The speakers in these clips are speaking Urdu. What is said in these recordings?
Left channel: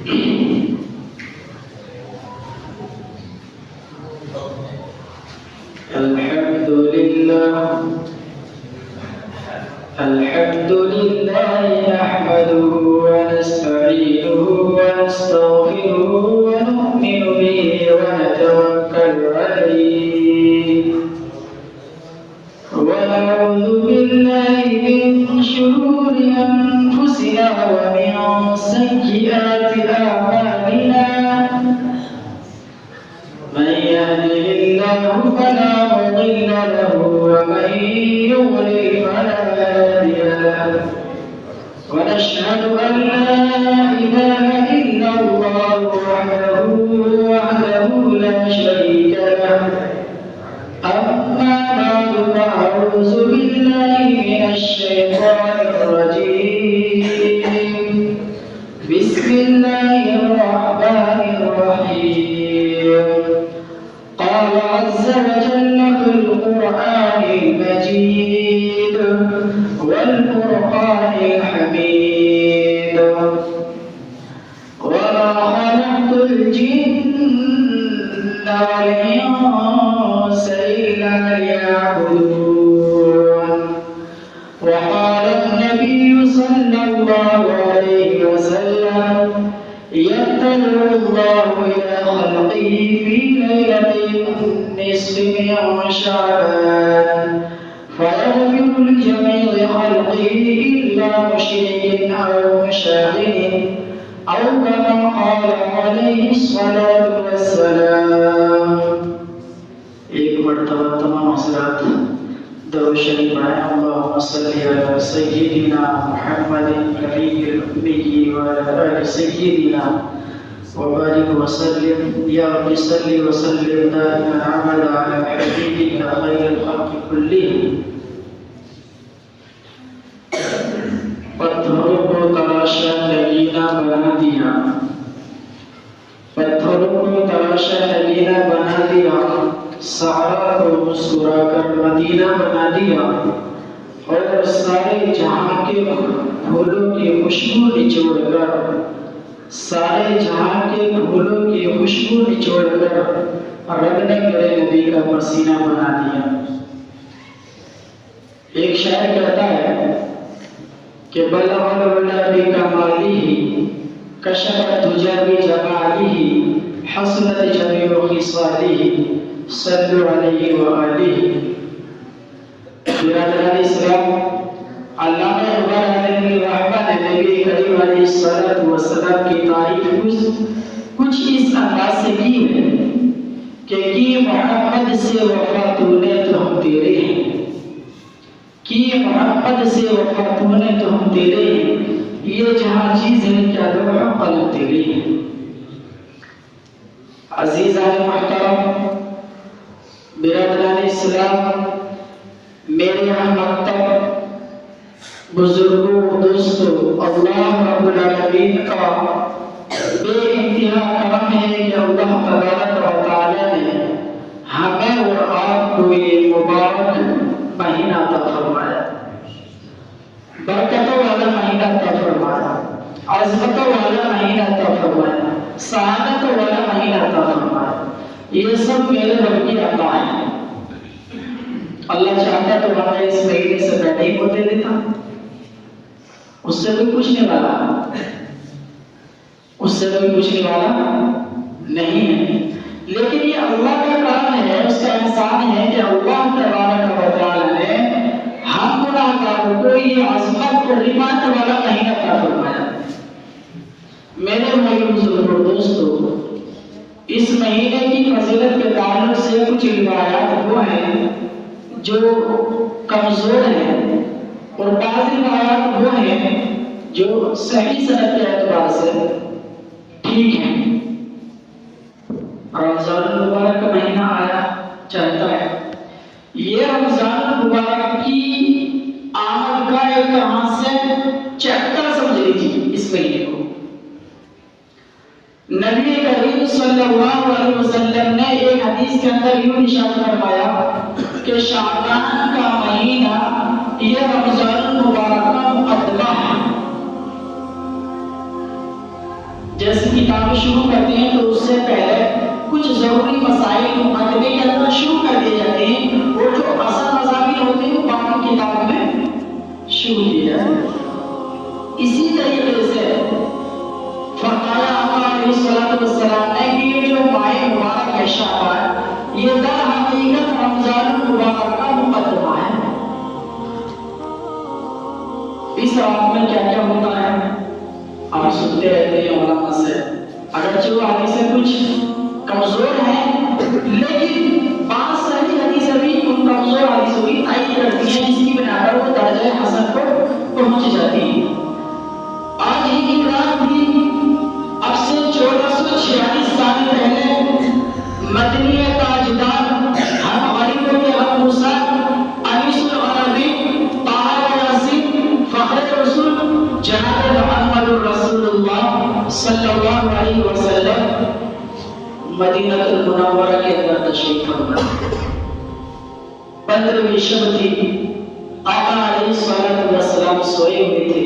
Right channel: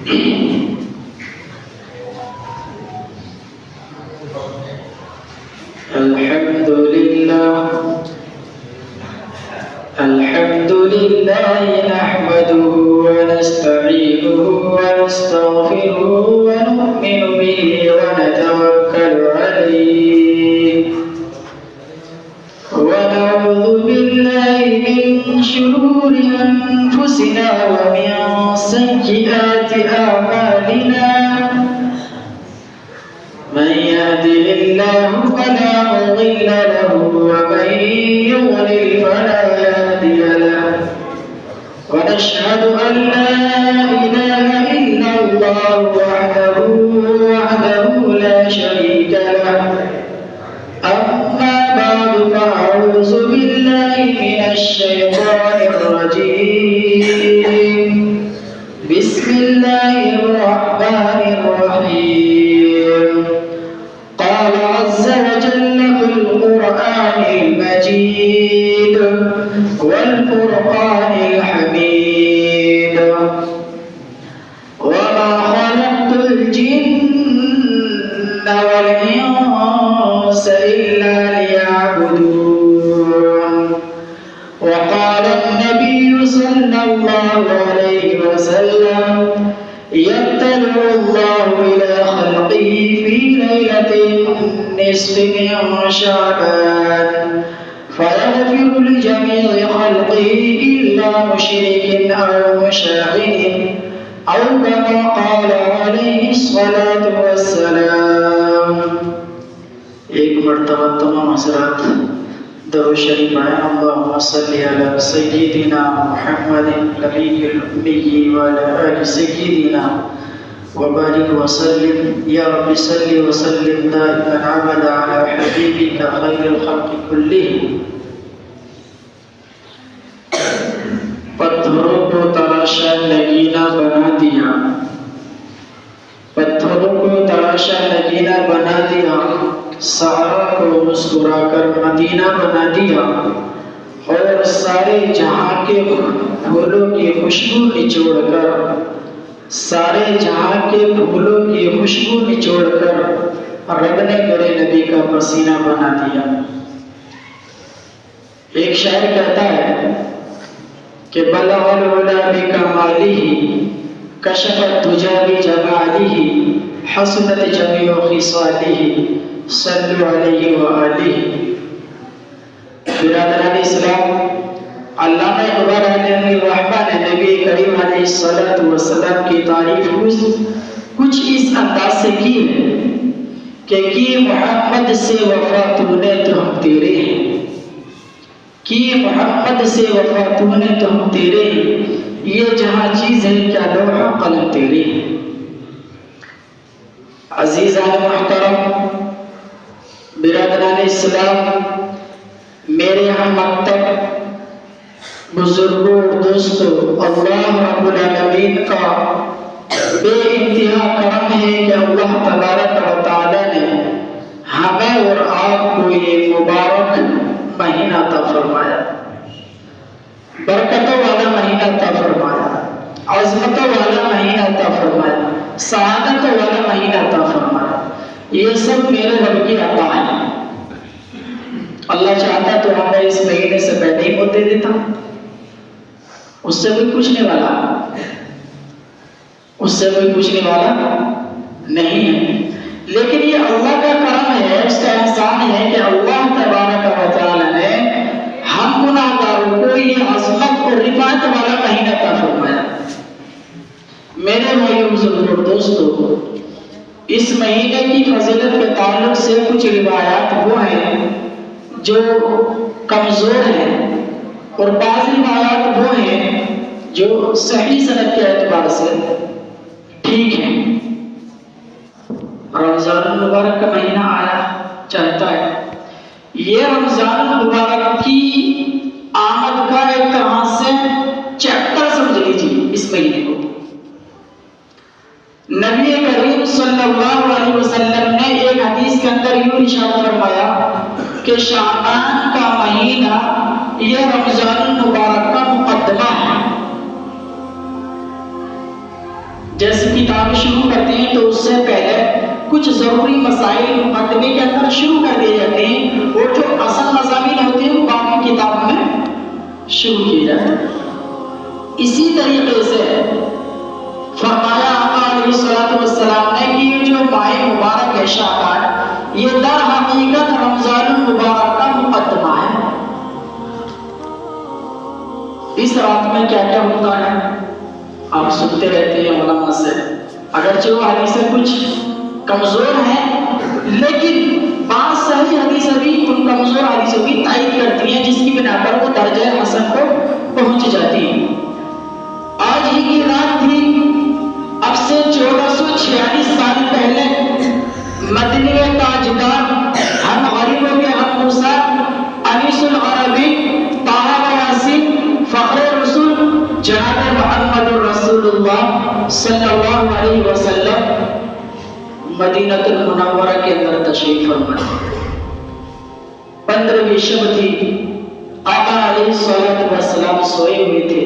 الحمد لله نحمده ونستعينه ونستغفره ونؤمن به ونتوكل عليه ونعوذ بالله من شرور أنفسنا ومن سيئات أعمالنا من يهده الله فلا مضل له ومن يضلل فلا هادي له ونشهد أن لا إله إلا الله وحده لا شريك له أما بعد فأعوذ بالله من الشيطان الرجيم بسم الله الرحمن الرحيم قال عز وجل في القرآن المجيد والفرقان الحميد وما خلقت الجن والإنس إلا ليعبدون وقال النبي صلى الله عليه وسلم يطلع الله إلى خلقه في ليلة النصف من شعبان فيغفر لجميع خلقه إلا مشرك أو مشاغب أو كما قال عليه الصلاة والسلام. ایک مرتبہ تمام حضرات درود شریف آئے اللہم صلی علی سیدنا محمد النبی الأمی وعلی آل سیدنا وبارك وسلم يا رب صل وسلم دائما ابدا على حبيبك خير الخلق كلهم. پتھروں کو تراشا نگینا بنا دیا، پتھروں کو تراشا نگینا بنا دیا، صحرا کو مسکرا کر مدینہ بنا دیا، اور سارے جہاں کے پھولوں کی خوشبو نچوڑ کر، سارے جہاں کے پھولوں کی خوشبو نچوڑ کر رب نے میرے نبی کا پسینہ بنا دیا. ایک شاعر کہتا ہے کہ بلغ العلا بکمالہ کشف الدجی بجمالہ حسنت جمیع خصالہ صلوا علیہ وآلہ. برادران اسلام، علامہ اقبال علیہ الرحمن نے نبی کریم علیہ السلام کی تعریف کچھ اس انداز سے کی ہے کہ کی محمد سے وفا تو نے تو ہم تیرے ہیں، کی محمد سے وفا تو نے تو ہم تیرے ہیں، یہ جہاں چیز ہے کیا لوح و قلم تیرے ہیں. عزیزان محترم، برادران اسلام، میرے ہم مکتب بزرگوں دوستوں، اللہ رب العالمین کا بے انتہا کرم ہے کہ اللہ تبارک و تعالی نے ہمیں اور آپ کو یہ مبارک مہینہ عطا فرمایا، برکتوں والا مہینہ عطا فرمایا، عظمتوں والا مہینہ عطا فرمایا، سعادتوں والا مہینہ عطا فرمایا. یہ سب میرے رب کی عطا ہے. اللہ چاہتا تو ہمیں اس مہینے سے پہلے ہی موت دے دیتا، اس سے کوئی پوچھنے والا نہیں ہے. لیکن یہ اللہ کا کرم ہے، اس کا احسان ہے کہ اللہ تبارک و تعالی نے ہم گناہگاروں کو یہ عظمت اور رفعت والا مہینہ عطا فرمایا. میرے بھائیو بزرگوں دوستوں، اس مہینے کی فضیلت کے تعلق سے کچھ روایات وہ ہیں جو کمزور ہیں اور بعض روایات وہ ہیں جو صحیح سند کے اعتبار سے ٹھیک ہیں. رمضان المبارک کا مہینہ آیا چاہتا ہے، یہ رمضان المبارک کی آمد کا ایک طرح سے چیپٹر سمجھ لیجیے. اس مہینے کو نبی کریم صلی اللہ علیہ وسلم نے ایک حدیث کے اندر یوں ارشاد فرمایا کہ شعبان کا مہینہ یہ رمضان المبارک کا مقدمہ ہے. جیسے کتابیں شروع کرتے ہیں تو اس سے پہلے کچھ ضروری مسائل مقدمے کے اندر شروع کر دیے جاتے ہیں، اور جو اصل مضامین ہوتے ہیں وہ باقی کتاب میں شروع کیے جاتے ہیں۔ اسی طریقے سے فرمایا آقا علیہ الصلوۃ والسلام نے کہ یہ جو ماہ مبارک ہے شعبان، یہ در حقیقت رمضان المبارک کا مقدمہ ہے۔ اس رات میں کیا کیا ہوتا ہے آپ سنتے رہتے ہیں علماء سے، اگرچہ وہ حدیثیں کچھ کمزور ہیں لیکن بعض صحیح حدیثیں بھی ان کمزور حدیثوں کی تائید کرتی ہیں، جس کی بنا پر وہ درجہ حسن کو پہنچ جاتی ہیں۔ آج ہی کی رات بھی اب سے 1446 سال پہلے مدنی تاجدار ہم غریبوں کے غمگسار انیس العربی طاہر یاسین فخر رسول جناب محمد رسول اللہ صلی اللہ علیہ وسلم مدینہ المنورہ کے اندر تشریف فرما۔ 15ویں شب تھی، آقا علیہ الصلوۃ والسلام سوئے ہوئے تھے۔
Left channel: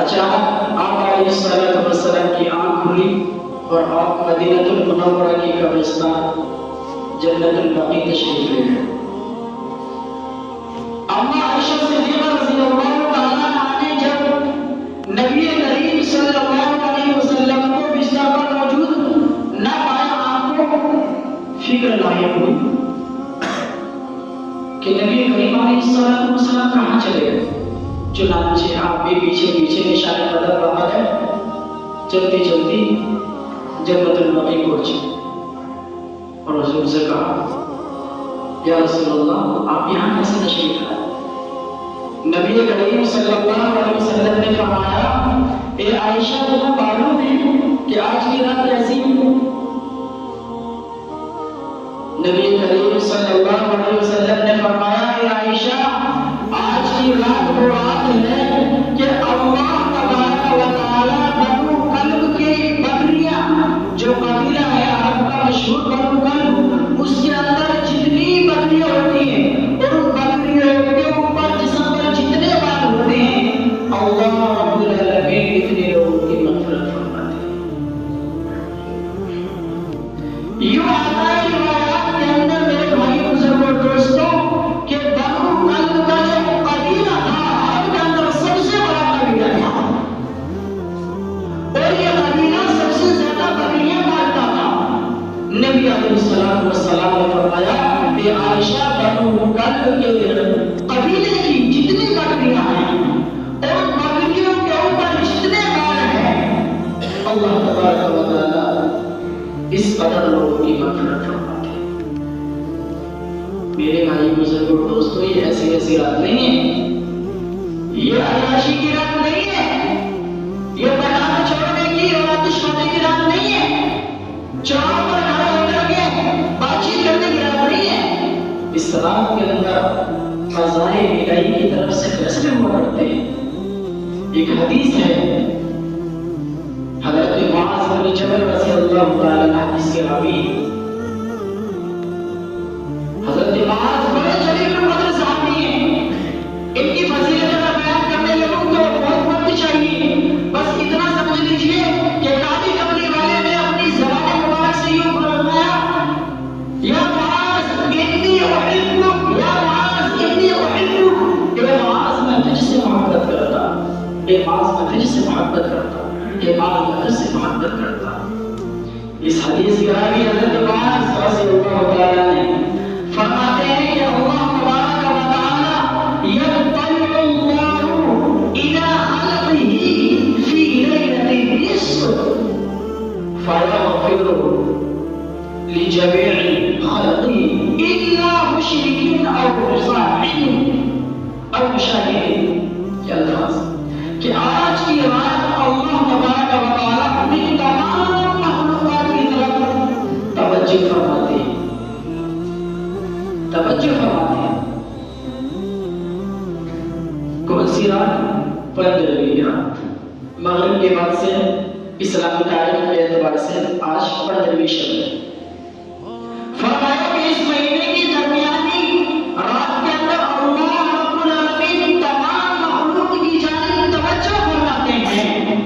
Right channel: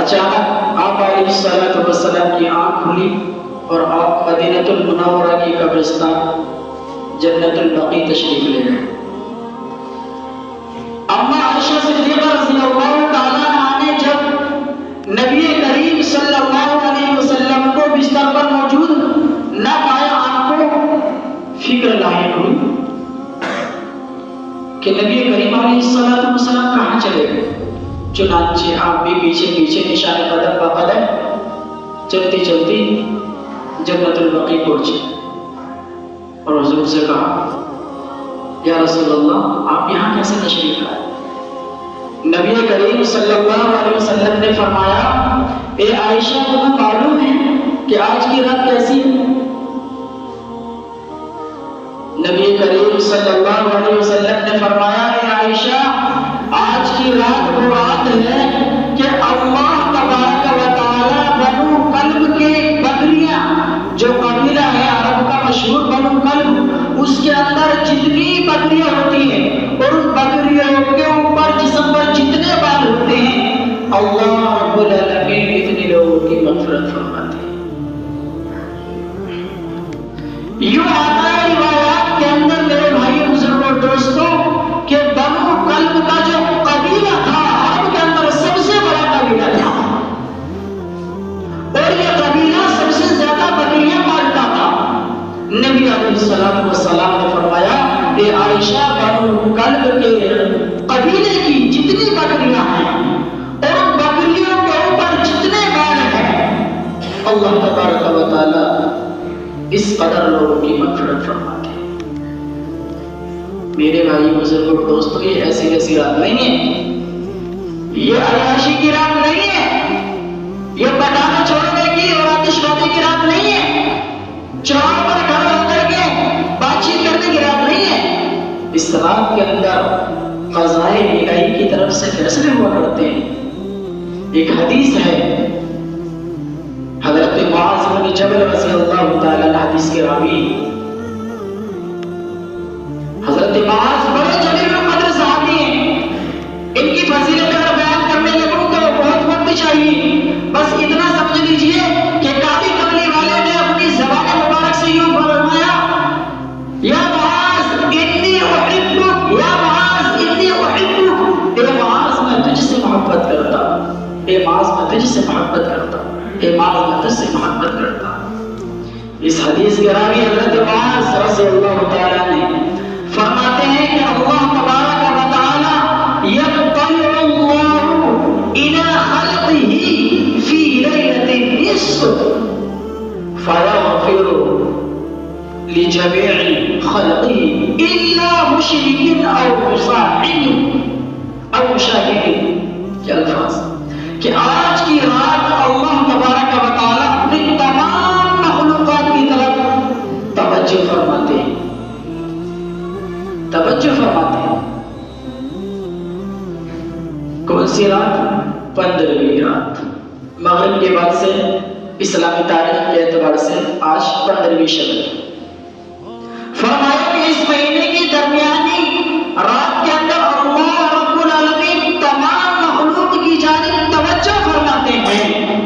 اچانک آقا علیہ الصلوۃ والسلام کی آنکھ کھلی اور آپ مدینہ المنورہ کی قبرستان جنت البقیع تشریف لے گئے۔ اما عائشہ صدیقہ رضی اللہ تعالیٰ عنہا نے جب نبی کریم صلی اللہ علیہ وسلم کو بستر پر موجود نہ پایا، آپ کو فکر لاحق ہوئی کہ نبی کریم علیہ السلام کہاں چلے گئے۔ چنانچہ آپ بھی پیچھے پیچھے نشان قدم بقدم چلتی چلتی جنت البقیع پہنچے اور حضور سے کہا یا رسول اللہ آپ یہاں کیسے تشریف لائے؟ نبی کریم صلی اللہ علیہ وسلم نے فرمایا اے عائشہ تمہیں معلوم ہے کہ آج کی رات کیسی ہے؟ نبی کریم صلی اللہ علیہ وسلم نے فرمایا اے عائشہ آج کی رات وہ رات ہے کہ اللہ تبارک و تعالی بنو کلب کے بکریاں، جو قبیلہ ہے عرب کا مشہور بنو کلب، اس کے اندر جتنی بکریاں ہوتی ہیں اور ان بکریوں کے اوپر جسم پر جتنے بال ہوتے ہیں اللہ رب العالمین اتنے لوگوں کی مغفرت فرماتے ہیں۔ یوں آتا ہے روایات کے اندر میرے بھائی بزرگوں دوستوں کہ بنو کلب کا جو قبیلہ تھا عرب کے اندر سب سے بڑا قبیلہ تھا اور یہ قبیلہ سب سے زیادہ بکریاں مارتا تھا۔ نبی علیہ السلام نے فرمایا اے عائشہ بنو کلب کے قبیلے کی جتنی بکریاں ہیں اور بکریوں کے اوپر جتنے بال ہیں اللہ تبارک و تعالی اس قدر لوگوں کی مغفرت فرماتے ہیں۔ میرے بھائی بزرگوں دوستوں یہ ایسی ویسی رات نہیں ہے، یہ عیاشی کی رات نہیں ہے، یہ پٹاخے چھوڑنے کی اور آتش بازی کی رات نہیں ہے، چراغ پر کھڑا کر کے بات چیت کرنے کی رات نہیں ہے۔ اس رات کے اندر قضائے الہی کی طرف سے فیصلے ہوا کرتے ہیں۔ ایک حدیث ہے حضرت معاذ بن جبل رضی اللہ تعالی عنہ حدیث کے راوی، حضرت معاذ بڑے جلیل القدر صحابی ہیں، ان کی فضیلت اگر بیان کرنے لگوں تو بہت وقت چاہیے، بس اتنا سمجھ لیجئے کہ کافی قبلی والے نے اپنی زبان مبارک سے یوں فرمایا یا معاذ انی احبک، یا معاذ انی احبک، اے معاذ میں تجھ سے محبت کرتا ہوں، اے معاذ میں تجھ سے محبت کرتا ہوں، اے معاذ میں تجھ سے محبت کرتا ہوں۔ اس حدیث کے راوی حضرت معاذ رضی اللہ تعالیٰ عنہ فرماتے ہیں کہ اللہ تبارک و تعالی یطلع اللہ الی خلقہ فی لیلۃ النصف فیغفر لجمیع خلقہ الا مشرک او مصاحب او مشاہد۔ کیا الفاظ کہ آج کی رات اللہ تبارک و تعالی اپنی تمام مخلوقات کی طرف توجہ فرماتے ہیں، توجہ فرماتے ہیں۔ کون سی رات؟ 15ویں رات، مغرب کے بعد سے اسلامی تاریخ کے اعتبار سے آج 15ویں شب ہے۔ فرمایا کہ اس مہینے کی درمیانی رات کے اندر اللہ رب العالمین تمام مخلوق کی جانب توجہ فرماتے ہیں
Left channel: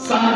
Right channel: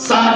60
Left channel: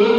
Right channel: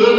1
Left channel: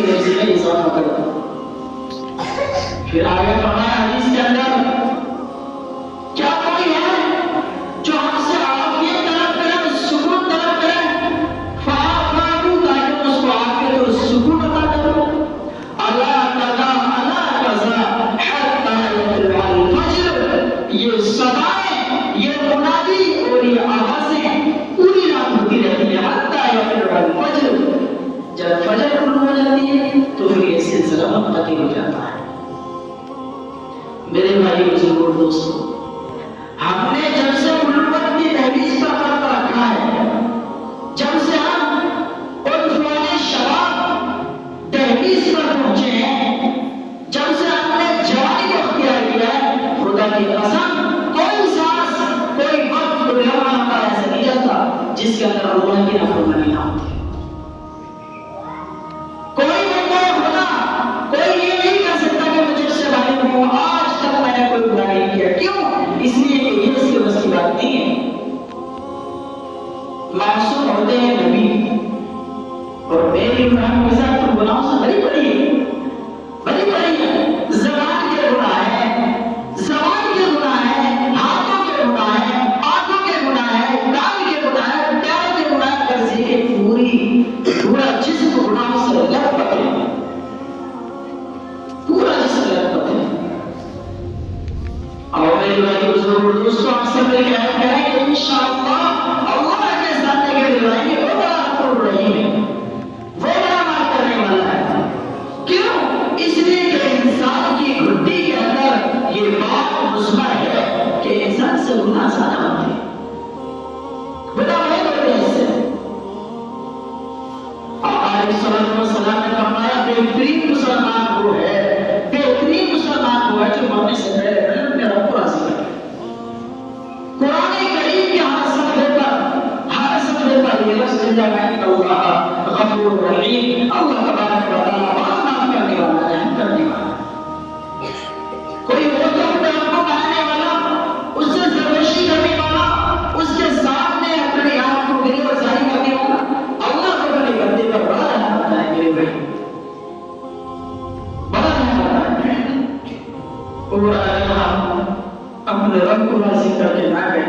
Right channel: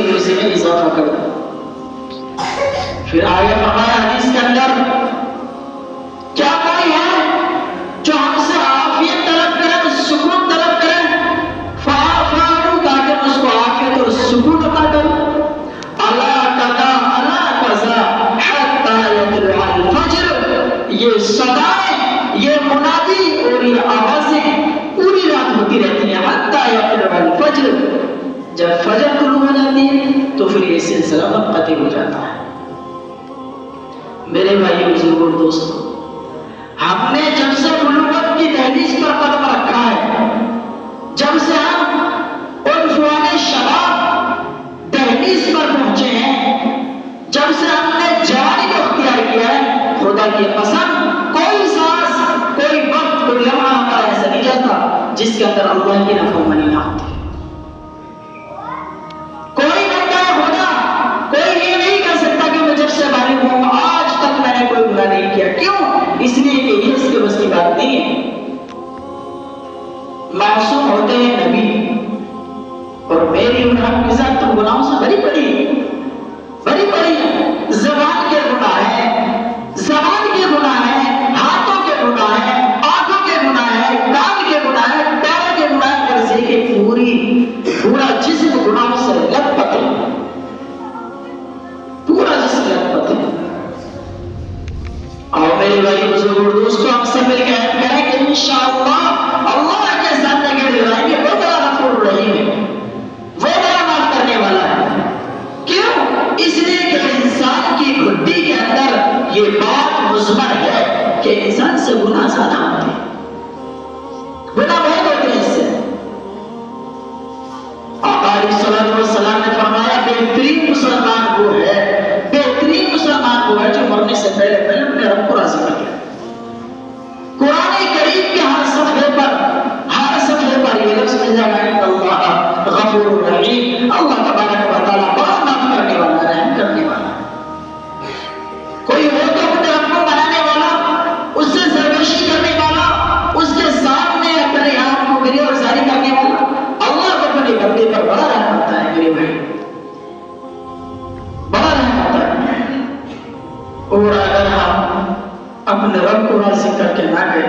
کی روزی میں اضافہ کر دو. پھر آگے ہمارا حدیث کے اندر کیا کوئی ہے جو ہم سے عافیت طلب کریں، سکون طلب کریں؟ فاعفو تاکہ میں اس کو عافیت اور سکون عطا کروں. الا قضا الا قضا حتى يطلع الفجر. یہ صدائیں، یہ منادی اور یہ آوازیں پوری رات ہوتی رہتی ہیں. حتى يطلع الفجر. جب فجر طلوع ہو جاتی ہے تو پھر یہ سلسلہ منقطع ہو جاتا ہے. میرے بھائی بزرگوں دوستوں، ہم نے جب سے نبوت کی دہلیز پر قدم رکھا ہے، جب سے ہم عنفوان شباب دہلیز پر پہنچے ہیں، جب سے ہم نے جوانی کو اختیار کیا ہے، خدا کی قسم کوئی سانس، کوئی وقت، کوئی لمحہ ہمارا ایسا نہیں جاتا جس کے اندر اللہ کی نافرمانی نہ ہوتی. کوئی بندہ خدا کوئی یہ نہیں کہہ سکتا کہ میں جب سے بالغ ہوں آج تک میں نے کوئی برا نہیں کیا. کیوں؟ اس لیے کہ یہ اس کے بس کی بات نہیں ہے. معصوم ہوتے ہیں نبی، اور میری عمر ہم کے ساتھ تو گناہوں سے بڑی بڑی ہے. زبان کے گناہ ہیں، زبان کے گناہ ہیں، ہاتھوں کے گناہ ہیں، آنکھوں کے گناہ ہیں، کان کے گناہ ہیں، پیر کے گناہ ہیں، کرسی کے پورا جسم گناہوں سے لت پت ہے. پورا جسم لت پت ہے. اور میرے بھائی بزرگوں دوستوں، ہم سے مل کے ہم کہیں کہ انشاءاللہ اللہ کے سامنے کے دلائیں گے وہ بڑا غفور رحیم ہے، وہ بڑا معاف کرنے والا ہے. کیوں؟ اس لیے کہ انسان کی گھٹی کے اندر یہ بات مضمر ہے کہ انسان سے گناہ زیادہ ہوتے ہیں، گناہ بہت ہوتے ہیں. اس سے آقا علیہ الصلوۃ والسلام نے فرمایا بہترین مسلمان وہ ہے، بہترین مسلمان وہ ہے جو مرنے سے پہلے اپنے رب کو راضی کر لے. قرآن کریم کے ہر صفحے پر یہ لفظ مل جائے گا کہ اللہ غفور رحیم، اللہ تبارک و تعالیٰ بڑا معاف کرنے والا، رحم کرنے والا. کوئی ہو تو اپنے آپ کو بنانے والا، اس سے سرکشی کرنے والا، اس کے سامنے اپنے آپ کو میری اور ظاہر کرنے والا، اللہ کو اپنے بندے پر بڑا رحم ہوتا ہے. میرے بھائی بڑا رحم ہوتا ہے. اور اگر ہم اپنے رب کو راضی کر کے نہ گئے،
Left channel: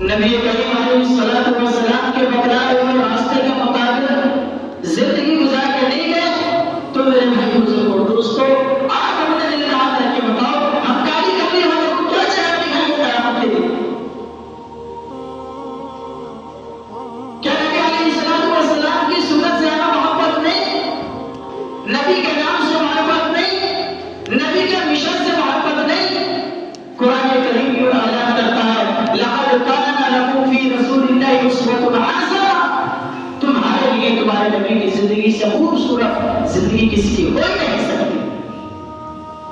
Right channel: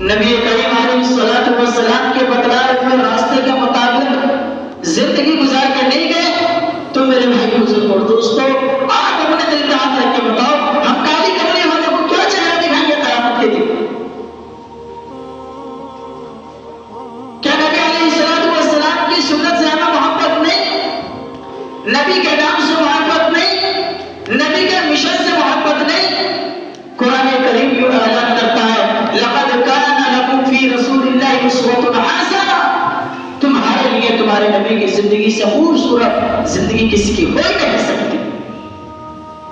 نبی کریم علیہ الصلوۃ والسلام کے بتلائے ہوئے راستے کے مطابق زندگی گزار کے نہیں گئے، تو میرے بھائی بزرگوں دوستوں، آج اپنے دل کے ہاتھ رکھ کے بتاؤ ہم کالی کرنے والوں کو کیا چہرہ دکھائیں گے قیامت کے دن؟ کیا نبی علیہ الصلوۃ والسلام کی سنت سے ہمیں محبت نہیں؟ نبی کے نام سے محبت نہیں؟ نبی کے مشن سے محبت نہیں؟ قرآن کریم یوں اعلان کرتا ہے لقد کان لکم فی رسول اللہ اسوۃ حسنہ. تمہارے لیے تمہارے نبی کی زندگی سے خوبصورت زندگی کسی کی ہو ہی نہیں سکتی،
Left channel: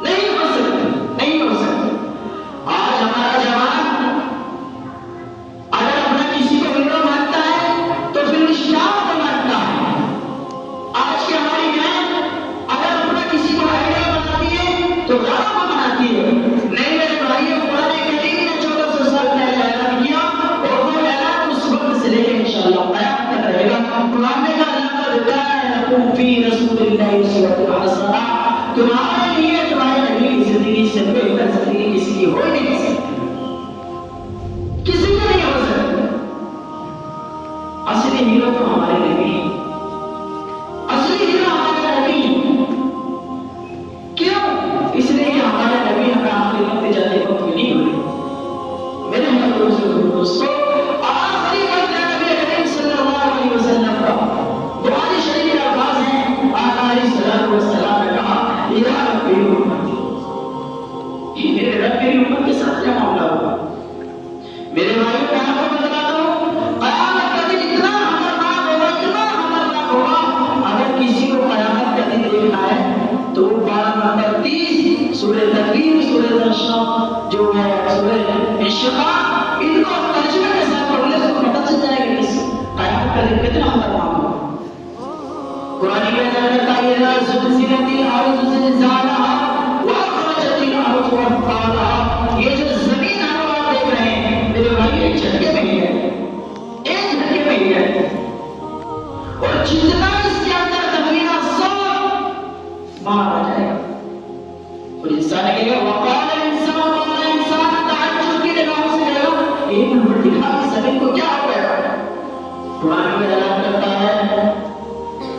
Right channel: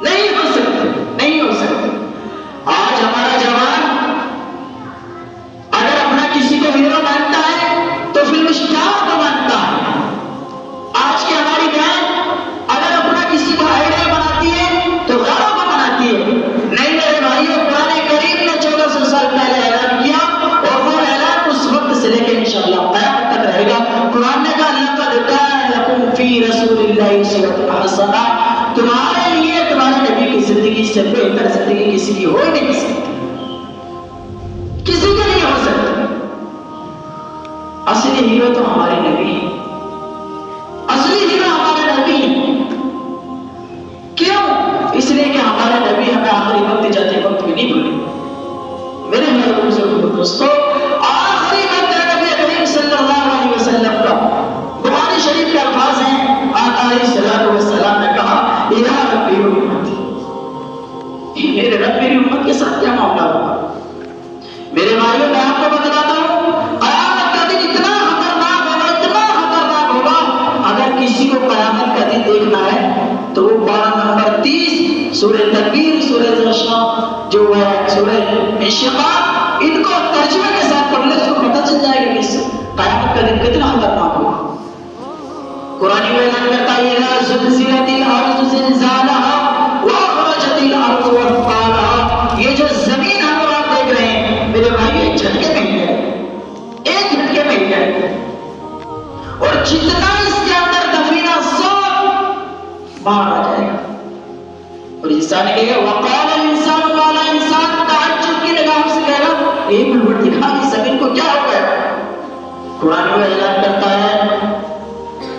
نہیں ہو سکتی، نہیں ہو سکتی. آج ہمارا جوان اگر اپنا کسی کو ہیرو مانتا ہے تو پھر اسٹار کو مانتا ہے. آج کی ہماری بہن اگر اپنا کسی کو آئیڈل بناتی ہے تو غیروں کو بناتی ہے. نہیں میرے بھائیوں، قرآن کریم نے 1400 سال پہلے اعلان کیا اور وہ اعلان اس وقت سے لے کے انشاءاللہ قیامت تک رہے گا. قرآن نے کہا لقد کان لکم فی رسول اللہ اسوۃ حسنہ. تمہارے لیے تمہارے نبی کی زندگی سے بہتر زندگی کسی کی ہو ہی نہیں سکتی، کسی کی نہیں ہو سکتی. اصلی ہیرو تو ہمارے نبی ہیں، اصلی ہیرو ہمارے نبی ہیں. کیوں؟ اس لیے کہ ہمارے نبی ہمیں آخری وقت جاتے وقت بھی نہیں بھولے. میرے بھائی دوستوں، آخری وقت نبی کریم صلی اللہ علیہ وسلم کا قرآن شریف کے الفاظ ہیں. آقا علیہ الصلوۃ والسلام نے کہا یا ربی امتی، میرے رب میری امت کے ساتھ کیا معاملہ ہوگا؟ میرے بھائیوں میں آپ کو بتلاتا ہوں قیامت کا دن اتنا خطرناک ہوگا، اتنا خطرناک ہوگا. اگر کسی کو قیامت کا دن دیکھنا ہے تو وہ 12 نمبر 30 سورہ تکویر، سورہ زمر جو ہے سورہ انشقاق، ان کو ترجمے کے ساتھ پڑھ لے تو پتہ چل جائے گا کہ قیامت کا دن کتنا خطرناک ہوگا. قرآن میں کہتا ہے لا زلزلت الارض زلزالها واخرجت الارض اثقالها. یہ جو زمین ہم آپ دیکھ رہے ہیں میرے بھائی، ایک جھٹکے میں ہی ہے، ایک جھٹکے میں ہی ہے. اور جتنا اس کے اندر ایک نمبر دکھا اس زمین کو کیا ہو گیا. قرآن میں اعلان کرتا ہے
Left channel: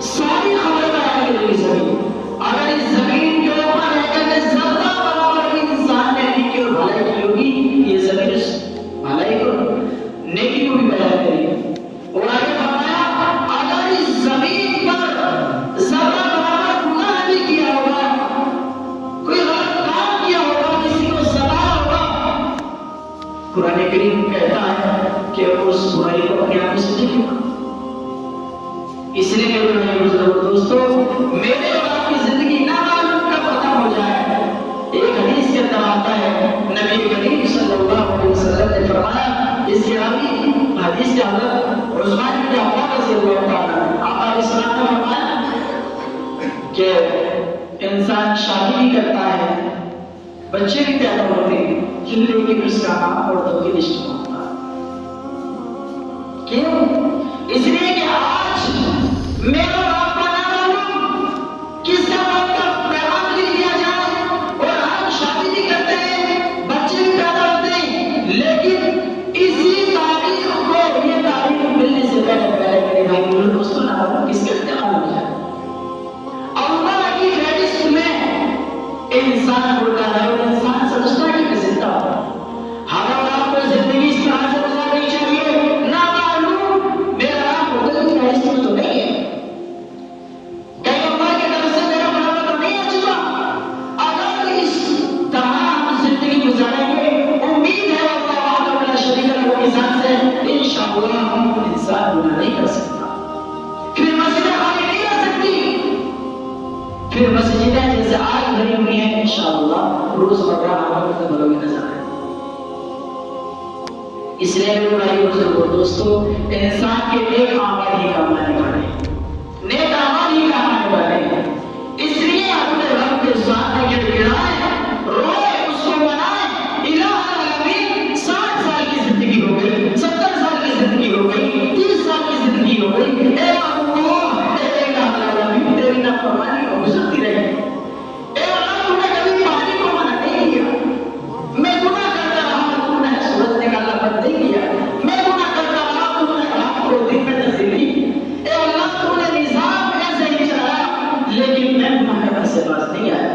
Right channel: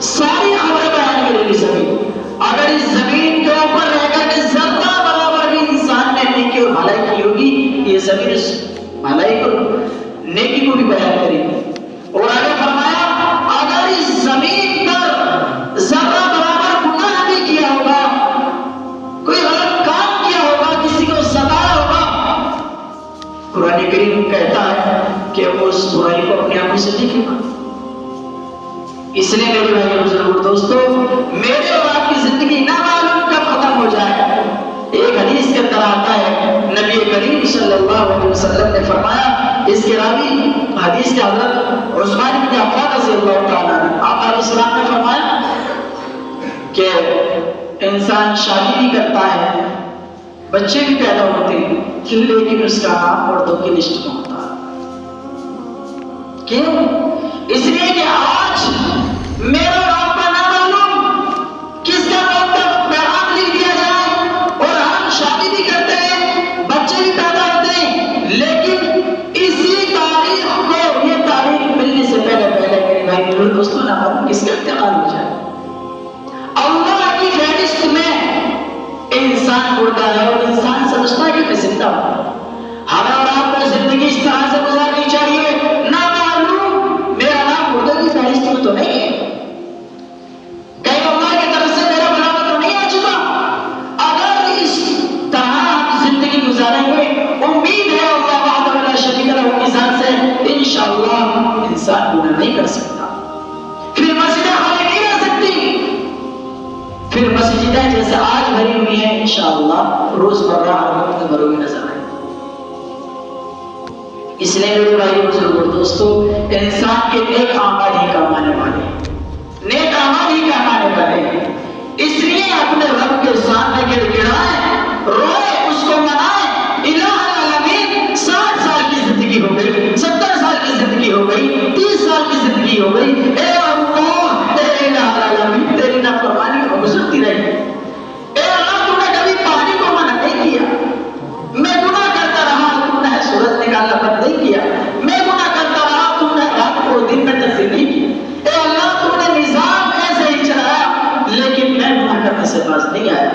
ساری خبریں بیان کرے گی زمین. اگر اس زمین کے اوپر رہ کر کے ذرہ برابر بھی انسان نے نیکی اور بھلائی کی ہوگی یہ زمین اس بھلائی کو نیکی کو بھی بیان کرے گی. اور آگے فرمایا اگر اس زمین پر ذرہ برابر گناہ بھی کیا ہوگا, کوئی غلط کام کیا ہوگا, کسی کو ستایا ہوگا, قرآن کریم کہتا ہے کہ وہ اس برائی کو اپنے آپ سے دیکھے گا. اس لیے میرے بھائی بزرگ دوستو, میرے اور آپ کی زندگی نہ معلوم کب ختم ہو جائے. ایک حدیث کے اندر آتا ہے نبی کریم صلی اللہ علیہ وسلم نے فرمایا, اس کے راوی حدیث کے اندر عثمان بن عفان رضی اللہ تعالیٰ عنہ, آپ علیہ السلام نے فرمایا کہ انسان شادی بھی کرتا ہے, بچے بھی پیدا ہوتے ہیں, لیکن اس کا نام مردوں کی لسٹ میں ہوتا ہے. کیوں؟ اس لیے کہ آج میرا باپ کا نہ معلوم کس کا پیغام لکھ دیا جائے, اور ہم شادی بھی کرتے ہیں, بچے بھی پیدا ہوتے ہیں, لیکن اسی تاریخ کو, یہ تاریخ ملنے سے پہلے میرے بھائی دوستوں نہ معلوم کس کا انتقال ہو جائے. اللہ کی فہرست میں انسان ہوتا ہے اور انسان سمجھتا ہے کہ میں زندہ ہوں. ہمیں اور آپ کو زندگی اس طرح سے گزارنی چاہیے, نہ معلوم میرا نام مردوں کی فہرست میں تو نہیں ہے, کہیں اللہ کی طرف سے میرا بناوا تو نہیں آ چکا. اگر اس طرح ہم زندگی گزاریں گے, امید ہے اللہ وحدہ لا شریک لہ کی ذات سے انشاءاللہ انسان گناہ نہیں کر سکتا, پھر مسجدیں خالی نہیں رہ سکتی, پھر مسجدیں جیسے آج بھری ہوئی ہیں انشاءاللہ روزمرہ ہم بھری ہوئی نظر آئے. اس لیے میرے بھائی بزرگوں دوستو, انسان کے نیک اعمال ہی کمانے والے, نیک اعمال ہی کمانے والے. اس لیے اپنے رب کے سامنے گر گڑائیں, روئے, اس کو منائیں. الہ العالمین 60 سال کی زندگی ہو گئی, 70 سال کی زندگی ہو گئی, 30 سال کی زندگی ہو گئی, اے اللہ اے الہ العالمین تیری نافرمانی کو گزرتی رہی. اے اللہ تو نے کبھی پانی کو منع نہیں کیا, میں گناہ کرتا رہا, تم نے سورج نکالنا بند نہیں کیا, میں گناہ کرتا رہا, تم نے رات کو دن میں تبدیل نہیں کی. اے اللہ تم نے نظام ایسے ہی چلایا, لیکن میں گناہ کرنے سے باز نہیں آیا.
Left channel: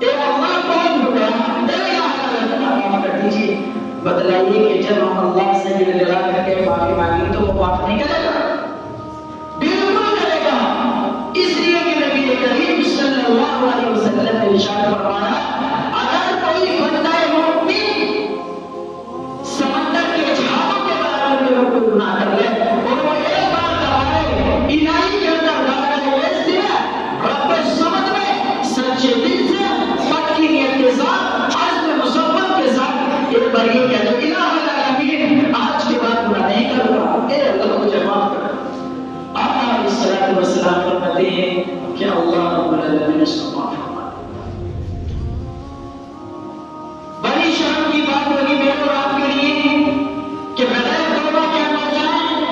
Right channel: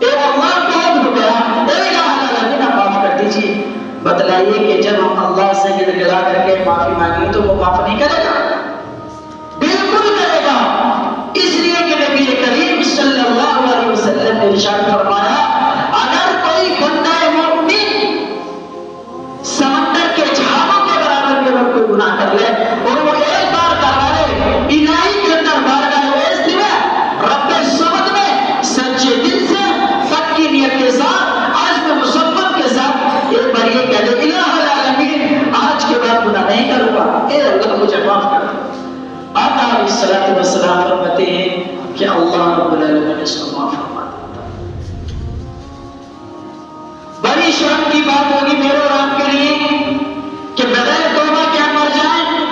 اے اللہ بہت ہو گیا, اے الہ العالمین معاف کر دیجیے. بتلائیے کہ جب ہم اللہ سے گر گڑا کر کے معافی مانگیں تو وہ معاف نہیں کرے گا؟ بالکل کرے گا. اس لیے کہ نبی کریم صلی اللہ علیہ وسلم نے ارشاد فرمایا, اگر کوئی بندہ مومن سمندر کے جھاگوں کے برابر میں کوئی گناہ کر لے اور وہ ایک بار کرے, الہی کے اندر بارگاہ عز میں رب الصمد میں سچے دل سے پکی نیت کے ساتھ عزم مصمم کے ساتھ ایک بار یہ کہہ دے الہ العالمین آج کے بعد گناہ نہیں کروں گا, اے اللہ مجھے معاف کر. آقا علیہ الصلوۃ والسلام فرماتے ہیں کہ اللہ رب العالمین اس کو معاف فرماتا. بڑی شرم کی بات ہوگی میرے اور آپ کے لیے کہ بغیر توبہ کیا مر جائیں,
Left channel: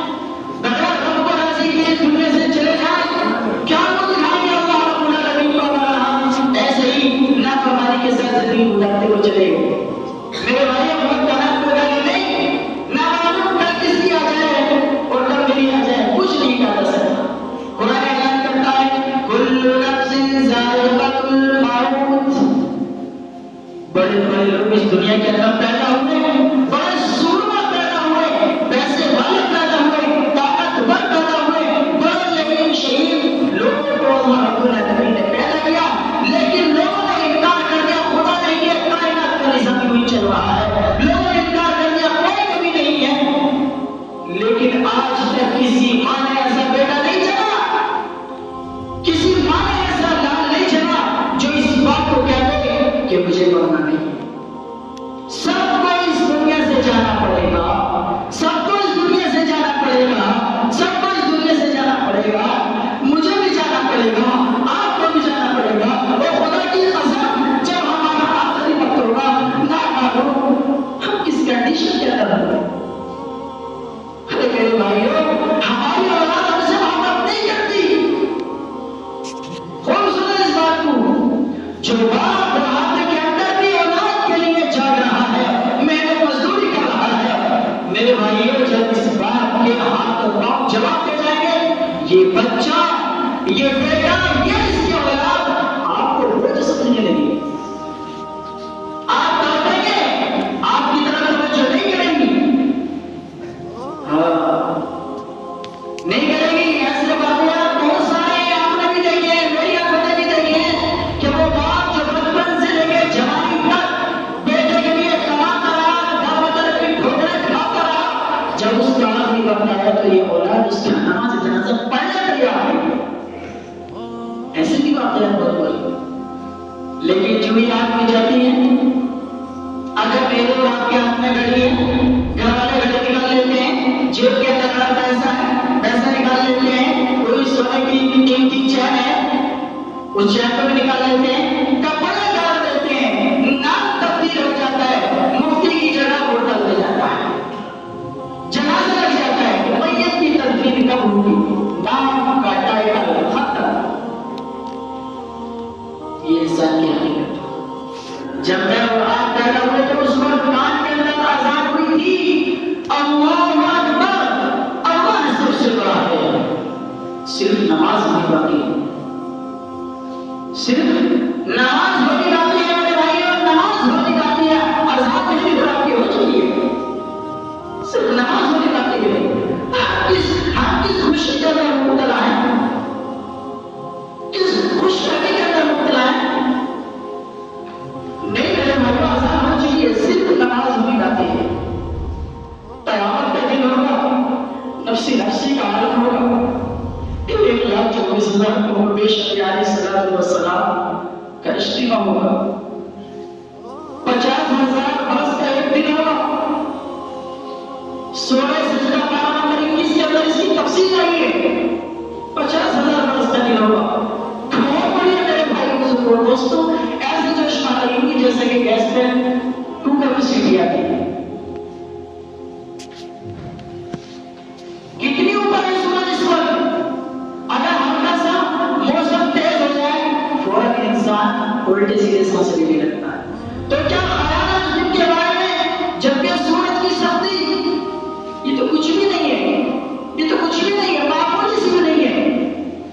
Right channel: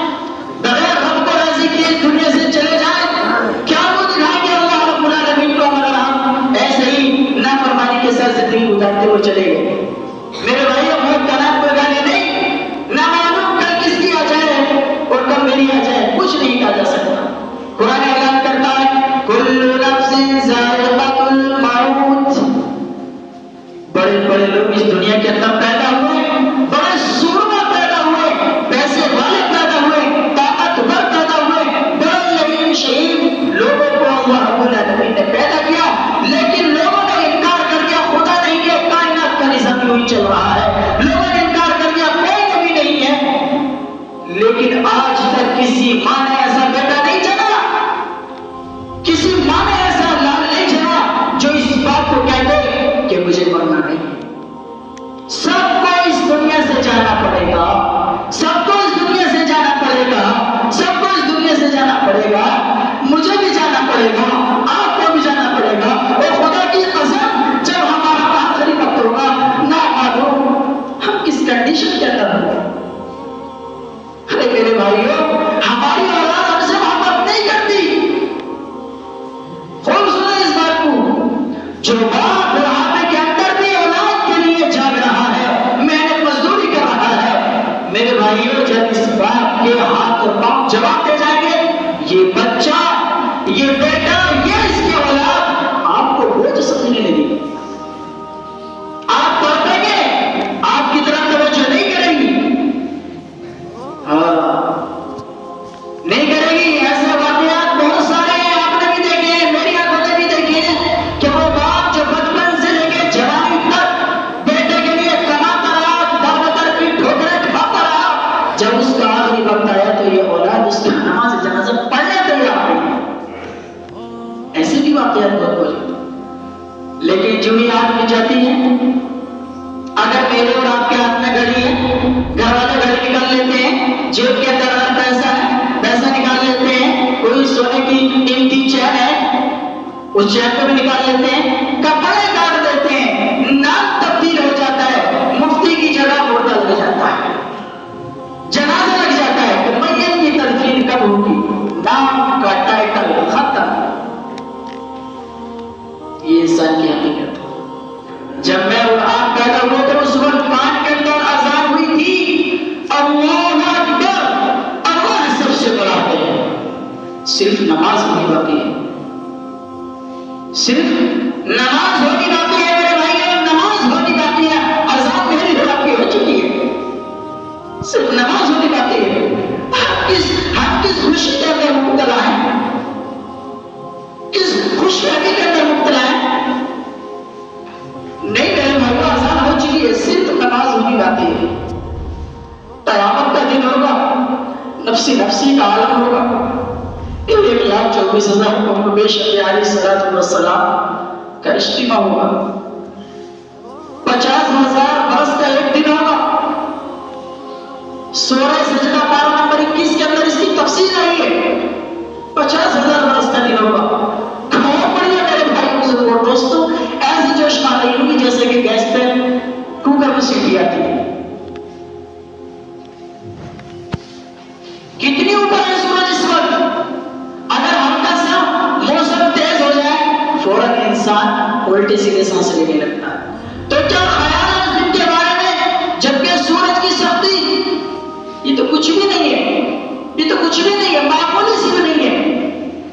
بغیر رب کو راضی کیے دنیا سے چلے جائیں. کیا وہ دکھائیں گے اللہ رب العالمین کو ہمارا ہم ایسے ہی نافرمانی کے ساتھ زندگی گزارتے ہوئے چلے گئے. میرے بھائیوں بہت طرح کوئی گانے نہیں, نہ معلوم کل کس کی آ جائے اور کب میری آ جائے, کچھ نہیں کہا جا سکتا. قرآن اعلان کرتا ہے کل نفس ذائقۃ الموت. بڑے بڑے لوگ اس دنیا کے اندر پیدا ہوئے, بڑے سورما پیدا ہوئے, پیسے والے پیدا ہوئے, طاقتور پیدا ہوئے, بڑے یتیم شہید لوگوں کو اللہ رب العالمین نے پیدا کیا, لیکن لوگوں نے انکار کر دیا. خدا نہیں کہ کائنات کا نظام یوں چل رہا ہے, لوگوں نے انکار کر دیا کوئی نبی نہیں ہے. لیکن آج تک کسی ماں نے ایسا بیٹا نہیں جنا, کسی ماں نے ایسا لال نہیں جنا جو اس بات کو کہتے کہ مجھے مرنا نہیں. سب کو اس دنیا سے جانا پڑے گا, سب کو اس دنیا سے جانا پڑے گا, سب کو اس دنیا سے جانا پڑے گا. مجھے بھی جانا پڑے گا, آپ کو بھی جانا پڑے گا. اور خدا کی قسم جب ہمارا آخری وقت ہوگا نہ معلوم ہم کس کنڈیشن کے اندر ہوں گے. ارے میرے بھائیوں, ہمارے جواب دے جائیں گے یہ بچہ، یہ بیٹا، یہ اس کی اولاد آپ کو بوجھ سمجھنے لگے، آپ پڑھیں گے آپ کی طرف توجہ نہیں کریں گی، نہیں کریں گی۔ ایسے واقعات بہت سارے ہیں، آپ نے بھی دیکھے ہیں، میری آنکھوں نے بھی دیکھے ہیں کہ وہ باپ جو بچپن سے لے کے جوانی تک بیٹے کے لیے کماتا رہا، دعوتر کی ٹھوکریں کھاتا رہا، جب اس کا آخری وقت آیا تو یہ اولاد اس کی نماز جنازہ پڑھنے تیار نہیں۔ ایسے بھی واقعات بہت بڑی، لیکن جو ہی آنکھ میں جاتی ہے، اگر میرے اور آپ کے ہاتھ میں گھڑی ہے، گھر والے گھڑی نکال لیتے ہیں، جیب کے اندر اگر پیسہ ہے پیسہ نکال لیتے ہیں، کوئی سونے کی قیمتی چین ہے اس چین کو بھی نکال لیتے ہیں، کپڑے کاٹ دیتے ہیں، نام تبدیل ہو جاتا ہے، مفتی کی جگہ ہوٹل ہو جاتا ہے، جنازہ لگ جاتا ہے کہ میت کی تدفین کب ہوگی، نام کا ٹائٹل ختم۔ یہ انسان کی حقیقت ہے۔ جب میں اور آپ پیدا ہوئے تو اس وقت کان کے اندر اذان ہوئی تھی، اللہ اکبر، اللہ سب سے بڑا ہے، صرف نماز نہیں باقی ہے، صرف نماز ہونی باقی ہے میرے بھائیوں، نماز ہونی باقی ہے، اذان میری باقی ہو چکی ہے، صرف نماز ہونی باقی ہے۔ ہم کس خوشی کے اندر مبتلا ہیں، کس خوش رہنے کے اندر مبتلا ہیں؟ نہیں میرے بھائی، آسان ہو چکی ہے، صرف نماز ہونی باقی ہے۔ قیامت کا دن ہوگا، نفسی نفسی کا عالم ہوگا، 1,24,000 کو پیش علیہ السلام کا اجتماع ہوگا، 50,000 برس کا ایک دن ہوگا۔ سورہ سجدہ پارہ نمبر 21 کے اندر اس کی تفصیل آئی ہے، 50,000 برس کا دن ہوگا۔ کھوڑ پڑی ہے میرے بھائی بزرگوں دوستوں، ایسی جوش آ رہی ہوگی جیسے کہ گیس پہ کوکر میں سیٹی آتی ہے۔ کتنی اوپر ہے سورج اس وقت؟ اگر ہلکا سا موسم تیز ہو جائے فوراً انسان الٹے سیدھے سانس لینے لگتا ہے۔ تو کیا خیال ہے اس دن کے بارے میں جبکہ سورج کی سختی یہ تو کچھ بھی نہیں ہے، یہ تو کچھ بھی نہیں ہے، معمولی سی بھی نہیں ہے۔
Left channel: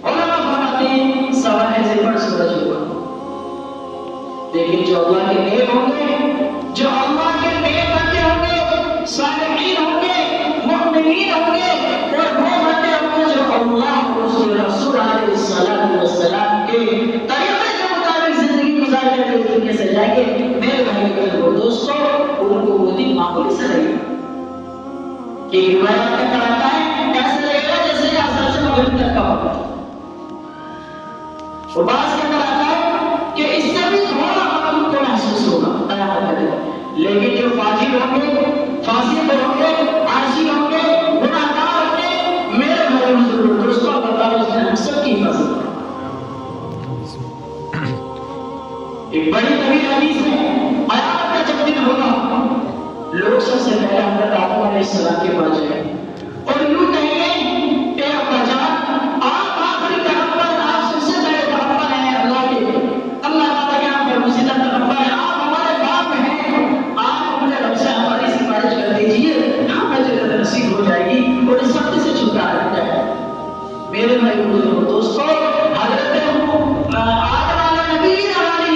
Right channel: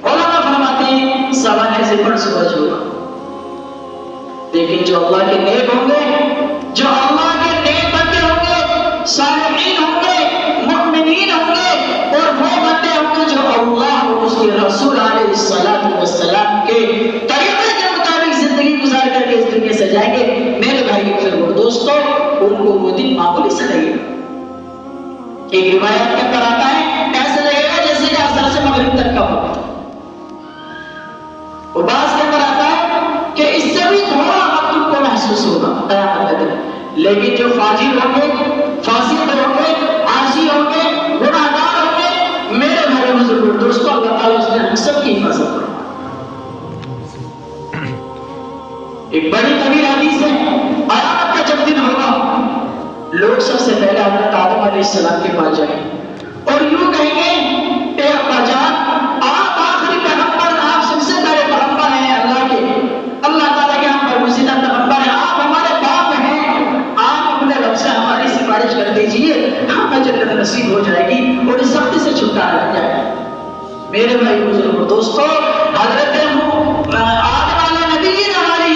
علماء فرماتے ہیں سوانے سے بڑھ سورج ہوگا، لیکن جو اللہ کے نیک ہوں گے، جو اللہ کے نیک بندے ہوں گے، صالحین ہوں گے، مؤمنین ہوں گے، اور وہ بندے ہوں گے جو اللہ اور اس کے رسول علیہ السلام کے طریقے کے مطابق زندگی گزار کر کے اس دنیا سے جائیں گے، میرے بھائی اور دوستوں، ان کو وہ دن معمولی سے لگے گا۔ ایک روایت میں کراتا ہے ایسا لگے گا جیسے کہ اثر سے مغرب تک کا وقت، وہ باز کے آتا ہے کہ اس سے بھی تھوڑا وقت کو محسوس ہوگا قیامت کا دن، لیکن جو فاجر ہوں گے، فاسق ہوں گے، عاصی ہوں گے، گناہگار ہوں گے، میرے بھائی بزرگوں دوستوں، اللہ تعالیٰ اس نے ہم سب کی حفاظت کرے۔ ایک بڑی طویل حدیث ہے، قیامت کا جب دن ہوگا لوگ سب سے پہلے حضرت آدم علیہ السلام کے پاس جائیں گے اور یوں کہیں گے اے ابا جان، آپ آخری پیغمبر، آپ سب سے پہلے پیغمبر ہیں اللہ کے، اللہ تعالیٰ کے ہم پر مزیدہ پیغمبر ہیں، آپ ہمارے باپ ہیں، آپ اپنے رب سے ہماری سفارش کر دیجیے، ہمیں جنت نصیب ہو جائے گی اور اس سختی سے چھٹکارا مل جائے گا۔ میرے بھائی بزرگوں دوستوں، حضرت آدم علیہ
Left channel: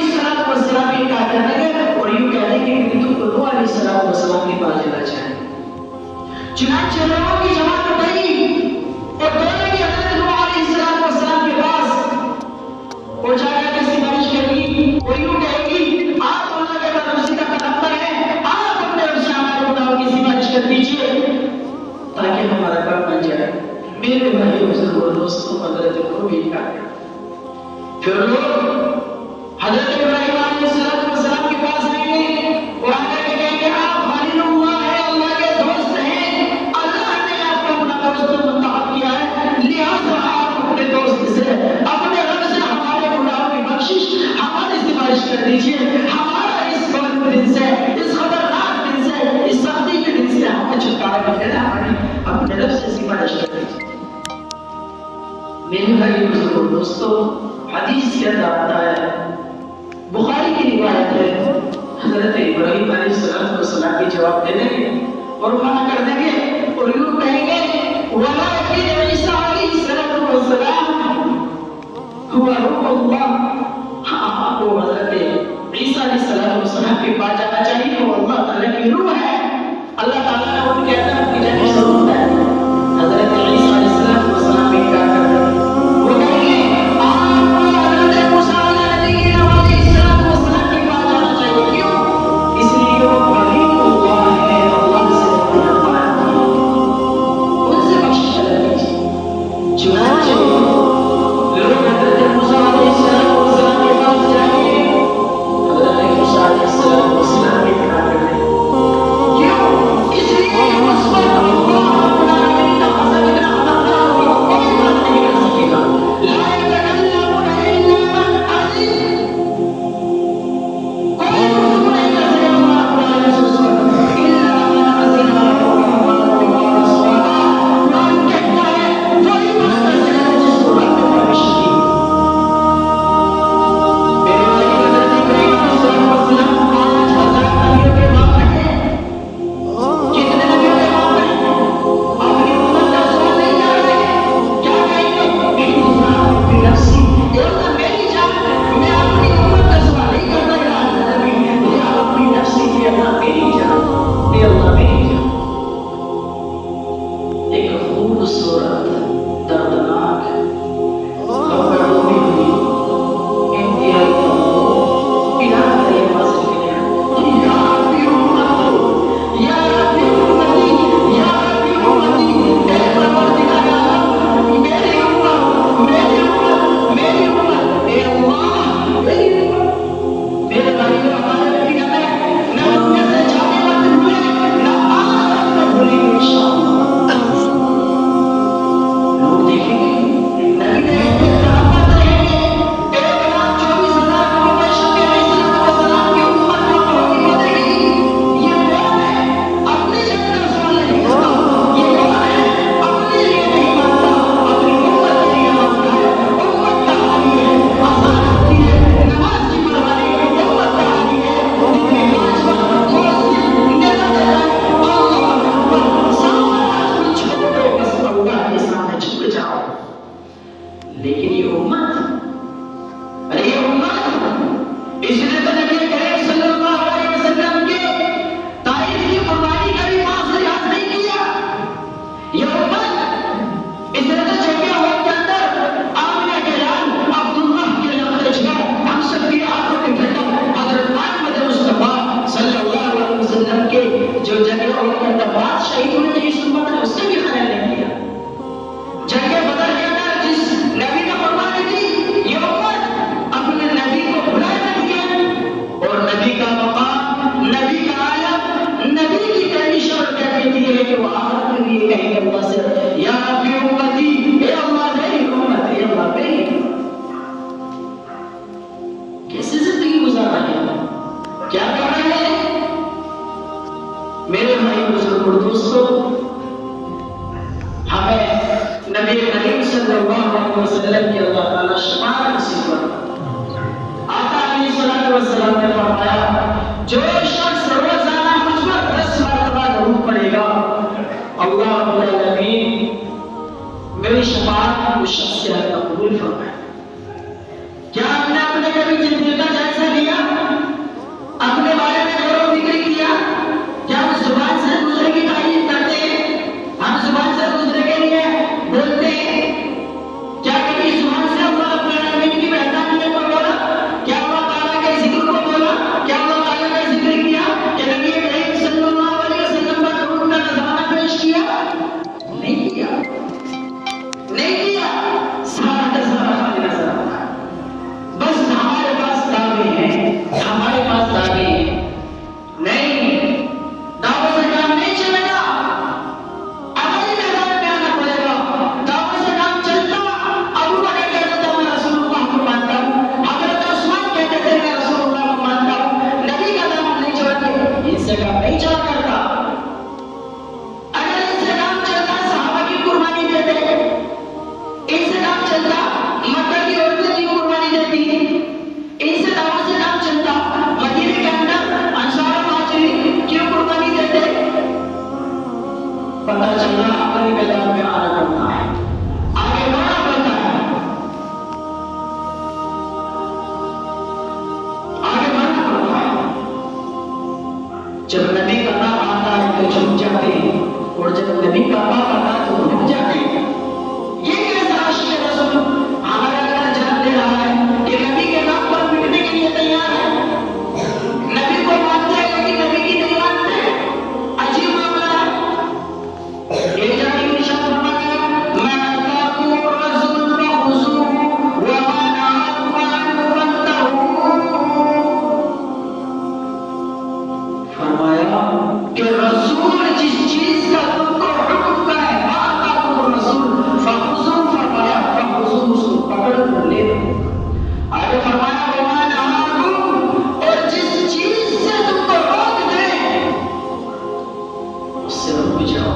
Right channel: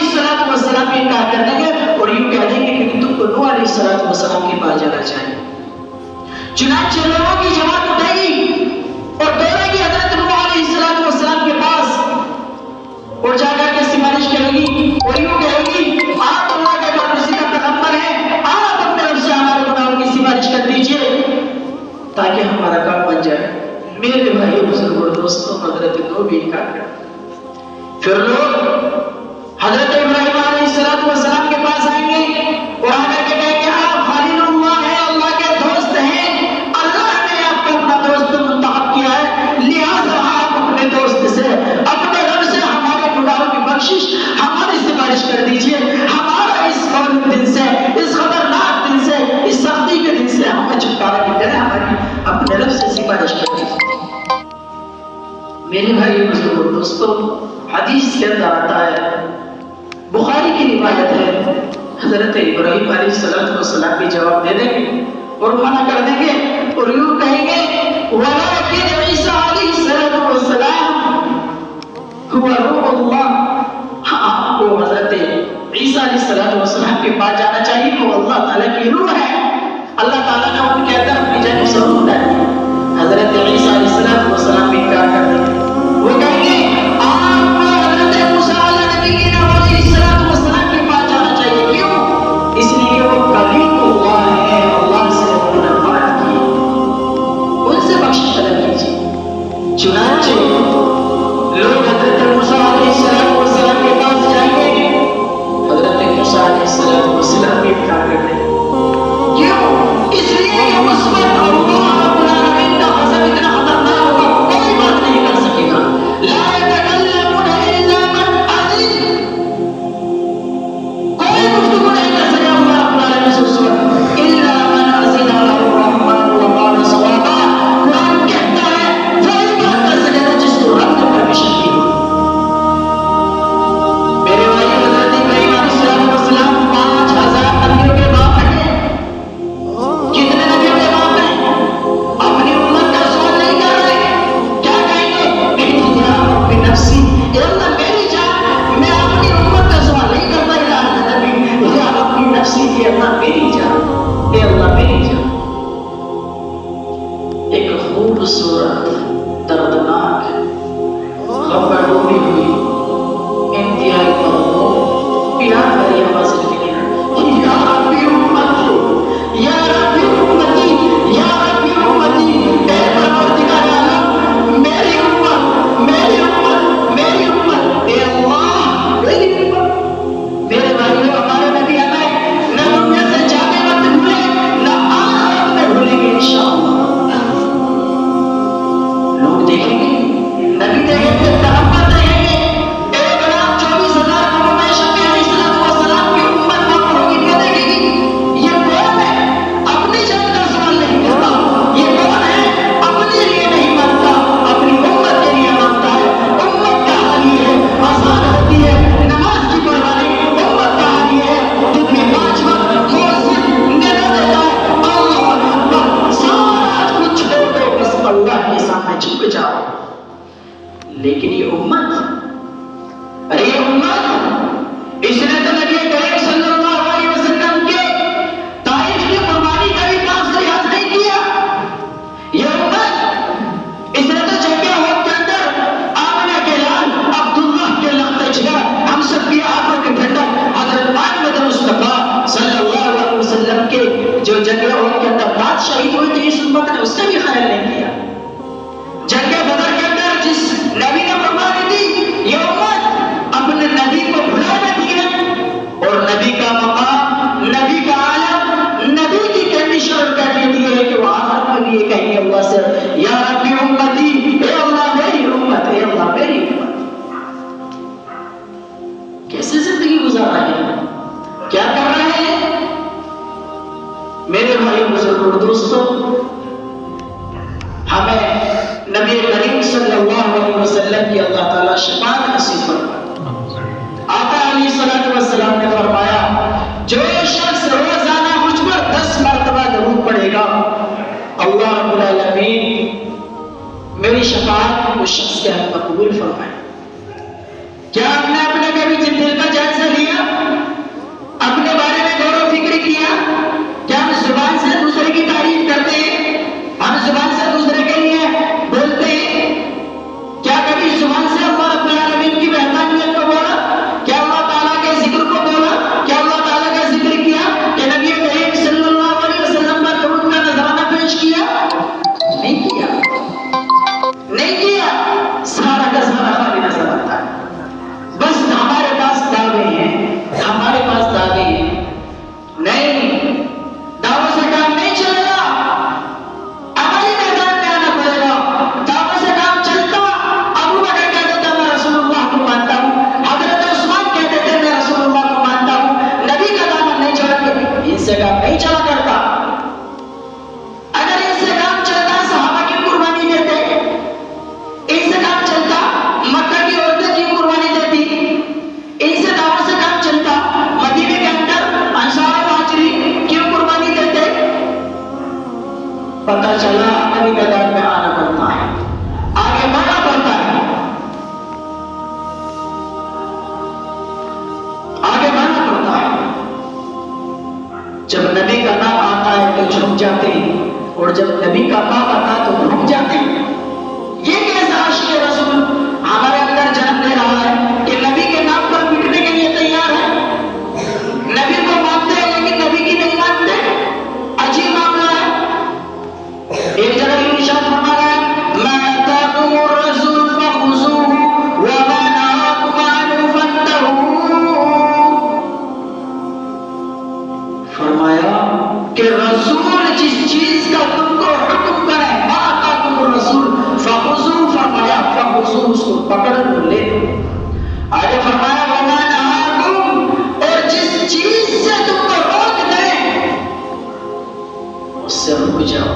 السلام کی کہا کرنے گے اور یوں کہہ دیں گے کہ تم کو نوح علیہ السلام کے پاس جانا چاہیے۔ چنانچہ لوگوں کی جماعت اٹھے گی اور دوڑے گی حضرت نوح علیہ السلام کے پاس اور جا کر کے سفارش کرے گی اور یوں کہے گی آپ اللہ کے برگزیدہ پیغمبر ہیں، آپ اپنے رب سے ہمارے گناہوں کی سفارش کر دیجیے تاکہ ہمارا کام بن جائے۔ میرے بھائی بزرگوں دوستوں، حضرت کو بھی انکار کر پھر لوگ حضرت ابراہیم علیہ السلام کے پاس آئیں گے اور آ کر کے کہیں گے آپ خلیل اللہ ہیں، اللہ کے دوست ہیں، اللہ نے آپ کو اپنا دوست منتخب کیا ہے، لہٰذا آپ اپنے دوست سے، اپنے رب سے ہمارے گناہوں کی بخشش، ہماری سفارش کر دیجیے، ہمارا اس مغرب دن سے، اس خطرناک دن سے، اس سختی کے دن سے ہمیں چھٹکارا مل جائے، ہماری اپنے رب سے سفارش کر دیجیے۔ میرے بھائی بزرگوں دوستوں، حدیث کے اندر آتا ہے، بخاری کی روایت ہے، حضرت ابراہیم علیہ السلام بھی جواب دے دیں گے اور منع کر دیں گے اور یوں کہیں گے وَلَٰكِنْ میرے بھائی بزرگ اور دوستوں، ہمیں نبی کریم صلی اللہ علیہ وسلم کی اللہ تعالیٰ شفاعت نصیب فرمائے۔ آقا علیہ الصلوۃ والسلام نے فرمایا جو شخص روزانہ مجھ پر 10 مرتبہ درود پڑھے گا، اللہ رب العالمین میری شفاعت اس شخص کے حق میں قبول فرمائے۔ کیا ہم نے اپنے کبھی زندگی کا جائزہ لیا؟ اپنے بارے میں غور و فکر کیا؟ کیا ہم زبان سے دوسرے کی تعریف کرتے ہیں؟ ہم زبان سے دوسرے کے لیے بولتے ہیں؟ کیا کبھی زبان سے اللہ رب العالمین کی وحدانیت کو بولا؟ کیا اللہ تعالیٰ کے ذکر کو بولا؟ کیا اللہ تعالیٰ کا ذکر کیا کہ نبی کریم صلی اللہ علیہ وسلم کا درود کا نذرانہ پیش کیا؟ نہیں کیا، نہیں کیا۔ سارا کا سارا خالی نظر آتا ہے۔ بس ہمارے پاس دعوے ہیں، ہمارے پاس دعوے ہیں۔ نہیں، دعوے سے کام نہیں چلے گا، عملی میدان میں آنا پڑے گا۔ دعوے سے کام چلتا، ابو بکر کہتے تھے میں رسول اللہ کو مانتا ہوں، حضرت عثمان کہتے تھے میں رسول اللہ کو مانتا ہوں، نبی کا دامن نہیں چھوڑتے، ان سے کام نہیں چلا کرتا۔ اگر ان سے کام چلتا صحابہ کی قربانی دیتے، ان سے کام چلتا مکہ کی عورتیں کی قربانی دیتی، ان سے دعوت سے کام چلتا مدینے کے اندر انصار مہاجرین کیوں قربانی دیتے؟ پتہ چلا عملی میدان میں آنا پڑتا ہے، آگے بڑھنا پڑتا ہے، آگے بڑھنا پڑتا ہے۔ جب نبی کا نام آتا ہے تو جھک جاتے ہیں، اور جب نبی کا نام آتا ہے تو رک جاتے ہیں۔ یہ کیسا عاشق رسول ہمارے اندر جنم لے رہا ہے کہ نبی کے نام پر مٹنے کے لیے تیار ہے؟ نبی کو مانتے ہیں لیکن نبی کی نہیں مانتے، عجیب معاملہ ہے۔ ایک جگہ یہ ارشاد فرمایا ہے مَا آتَاكُمُ الرَّسُولُ فَخُذُوهُ وَمَا نَهَاكُمْ عَنْهُ فَانتَهُوا۔ فرمایا کہ رسول جس چیز کا تم کو حکم کرے، مَا آتَاكُمُ الرَّسُولُ فَخُذُوهُ، فرمایا فَخُذُوهُ، اس کو پکڑ کر لے لو۔ آگے فرمایا وَمَا نَهَاكُمْ، اور جس چیز سے تم کو روک دے اس سے رک جاؤ۔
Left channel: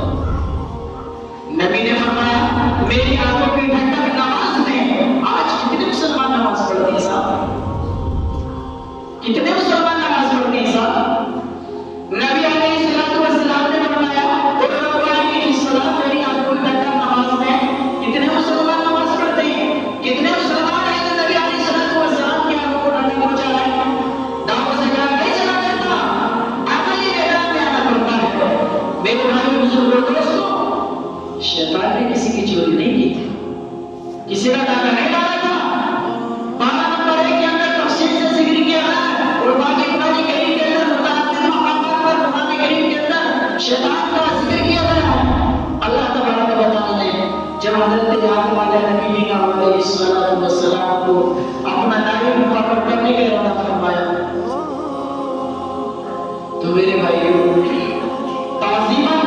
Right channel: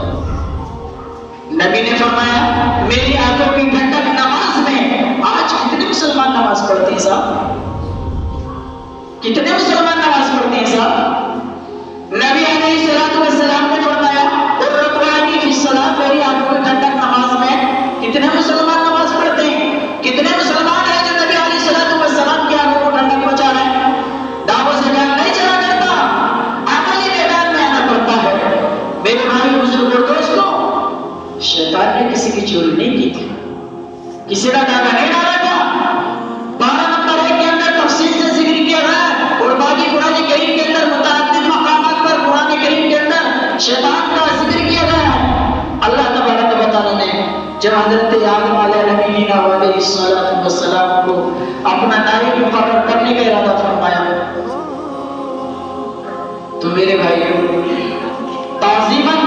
نبی نے فرمایا میری آنکھوں کی ٹھنڈک نماز میں، آج کتنے مسلمان نماز پڑھتے ہیں صاحب؟ کتنے مسلمان نماز پڑھتے ہیں صاحب؟ نبی علیہ الصلوۃ والسلام نے فرمایا اور ربانی فی الصلاۃ، میری آنکھوں کی ٹھنڈک نماز میں کتنے مسلمان نماز پڑھتے ہیں؟ کتنے مسلمان ہیں جو نبی علیہ الصلوۃ والسلام کی آنکھوں کو ٹھنڈک پہنچا رہے ہیں؟ دعوت سے کام نہیں چلا کرتا، عملی میدان میں آنا پڑتا ہے۔ میرے بھائی بزرگ اور دوستوں، شیطان نے کسی کی چوری نہیں کی تھی، کسی کا ڈاکہ نہیں ڈالا تھا۔ 12 نمبر 1 کے اندر تفصیل سے ذکر کیا گیا ہے، اور باقی قرآن کریم کے اندر متعدد مقامات پر قرآن کریم کے اندر شیطان کا ذکر کیا گیا ہے۔ اللہ تبارک و تعالیٰ نے جب حضرت آدم علیہ نبینا علیہ الصلوۃ والسلام کو اپنا نائب مقرر کرنے کا ارادہ فرمایا تو میرے بھائیوں تعظیماً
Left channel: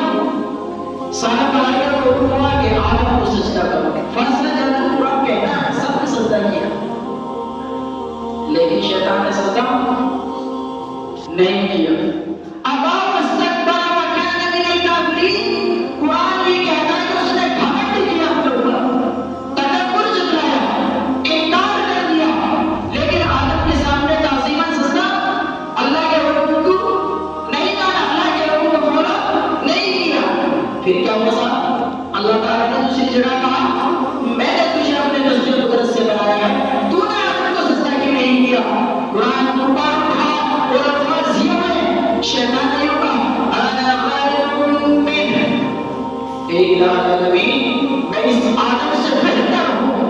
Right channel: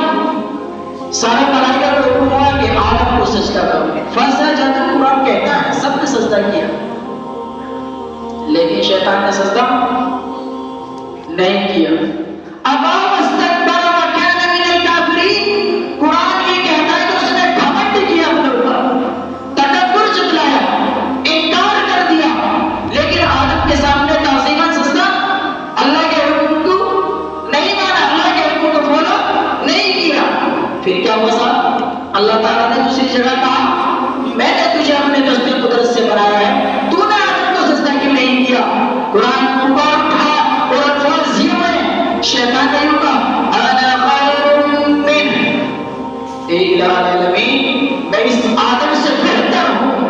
سارے ملائکہ کو حکم ہوا کہ آدم کو سجدہ کرو۔ فسجد، قرآن کہتا ہے سب نے سجدہ کیا، لیکن شیطان نے سجدہ نہیں کیا۔ ابا واستکبر وکان من الکافرین، قرآن یہ کہتا ہے کہ اس نے گھمنڈ کیا اپنے اوپر، تکبر جتلایا، انکار کر دیا، لیکن آدم کے سامنے تعظیماً سجدہ اللہ کے حکم کو نہیں مانا، اللہ کے حکم کو بولا نہیں کیا۔ پھر کیا ہوا صاحب؟ اللہ تعالیٰ نے دوسری جگہ کہا میں نے تجھے اپنے دست قدرت سے بنایا ہے، تو نے آدم کو سجدہ کیوں نہیں کیا؟ قرآن اوپر اٹھا اور الفاظ یہ میں شیطان نے کہا انا خیر منہ، اے الہ العالمین میں اس آدم سے بہتر ہوں۔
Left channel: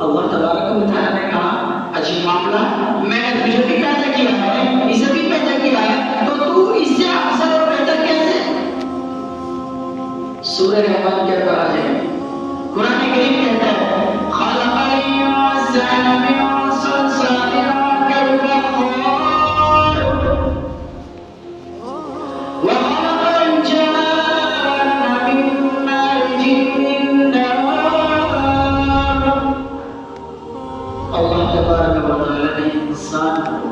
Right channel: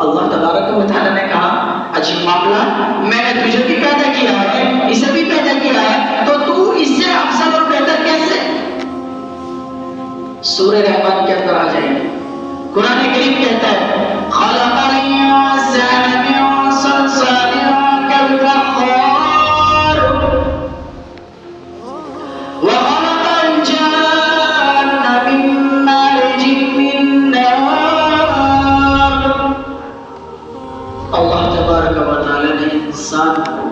اللہ تبارک و تعالیٰ نے کہا عجیب معاملہ، میں نے تجھے بھی پیدا کیا ہے، اسے بھی پیدا کیا ہے، تو اس سے افضل اور بہتر کیسے؟ سورہ رحمان کے اندر آ جائے، قرآن کریم کہتا ہے خلقنی وسعن من صلصال كالفخار وخلق الجان من مارج من نار۔ اللہ تبارک و تعالی نے انسان کو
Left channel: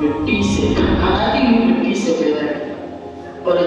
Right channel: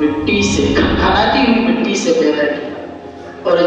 مٹی سے کھنکھنا دیا،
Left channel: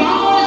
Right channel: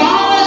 5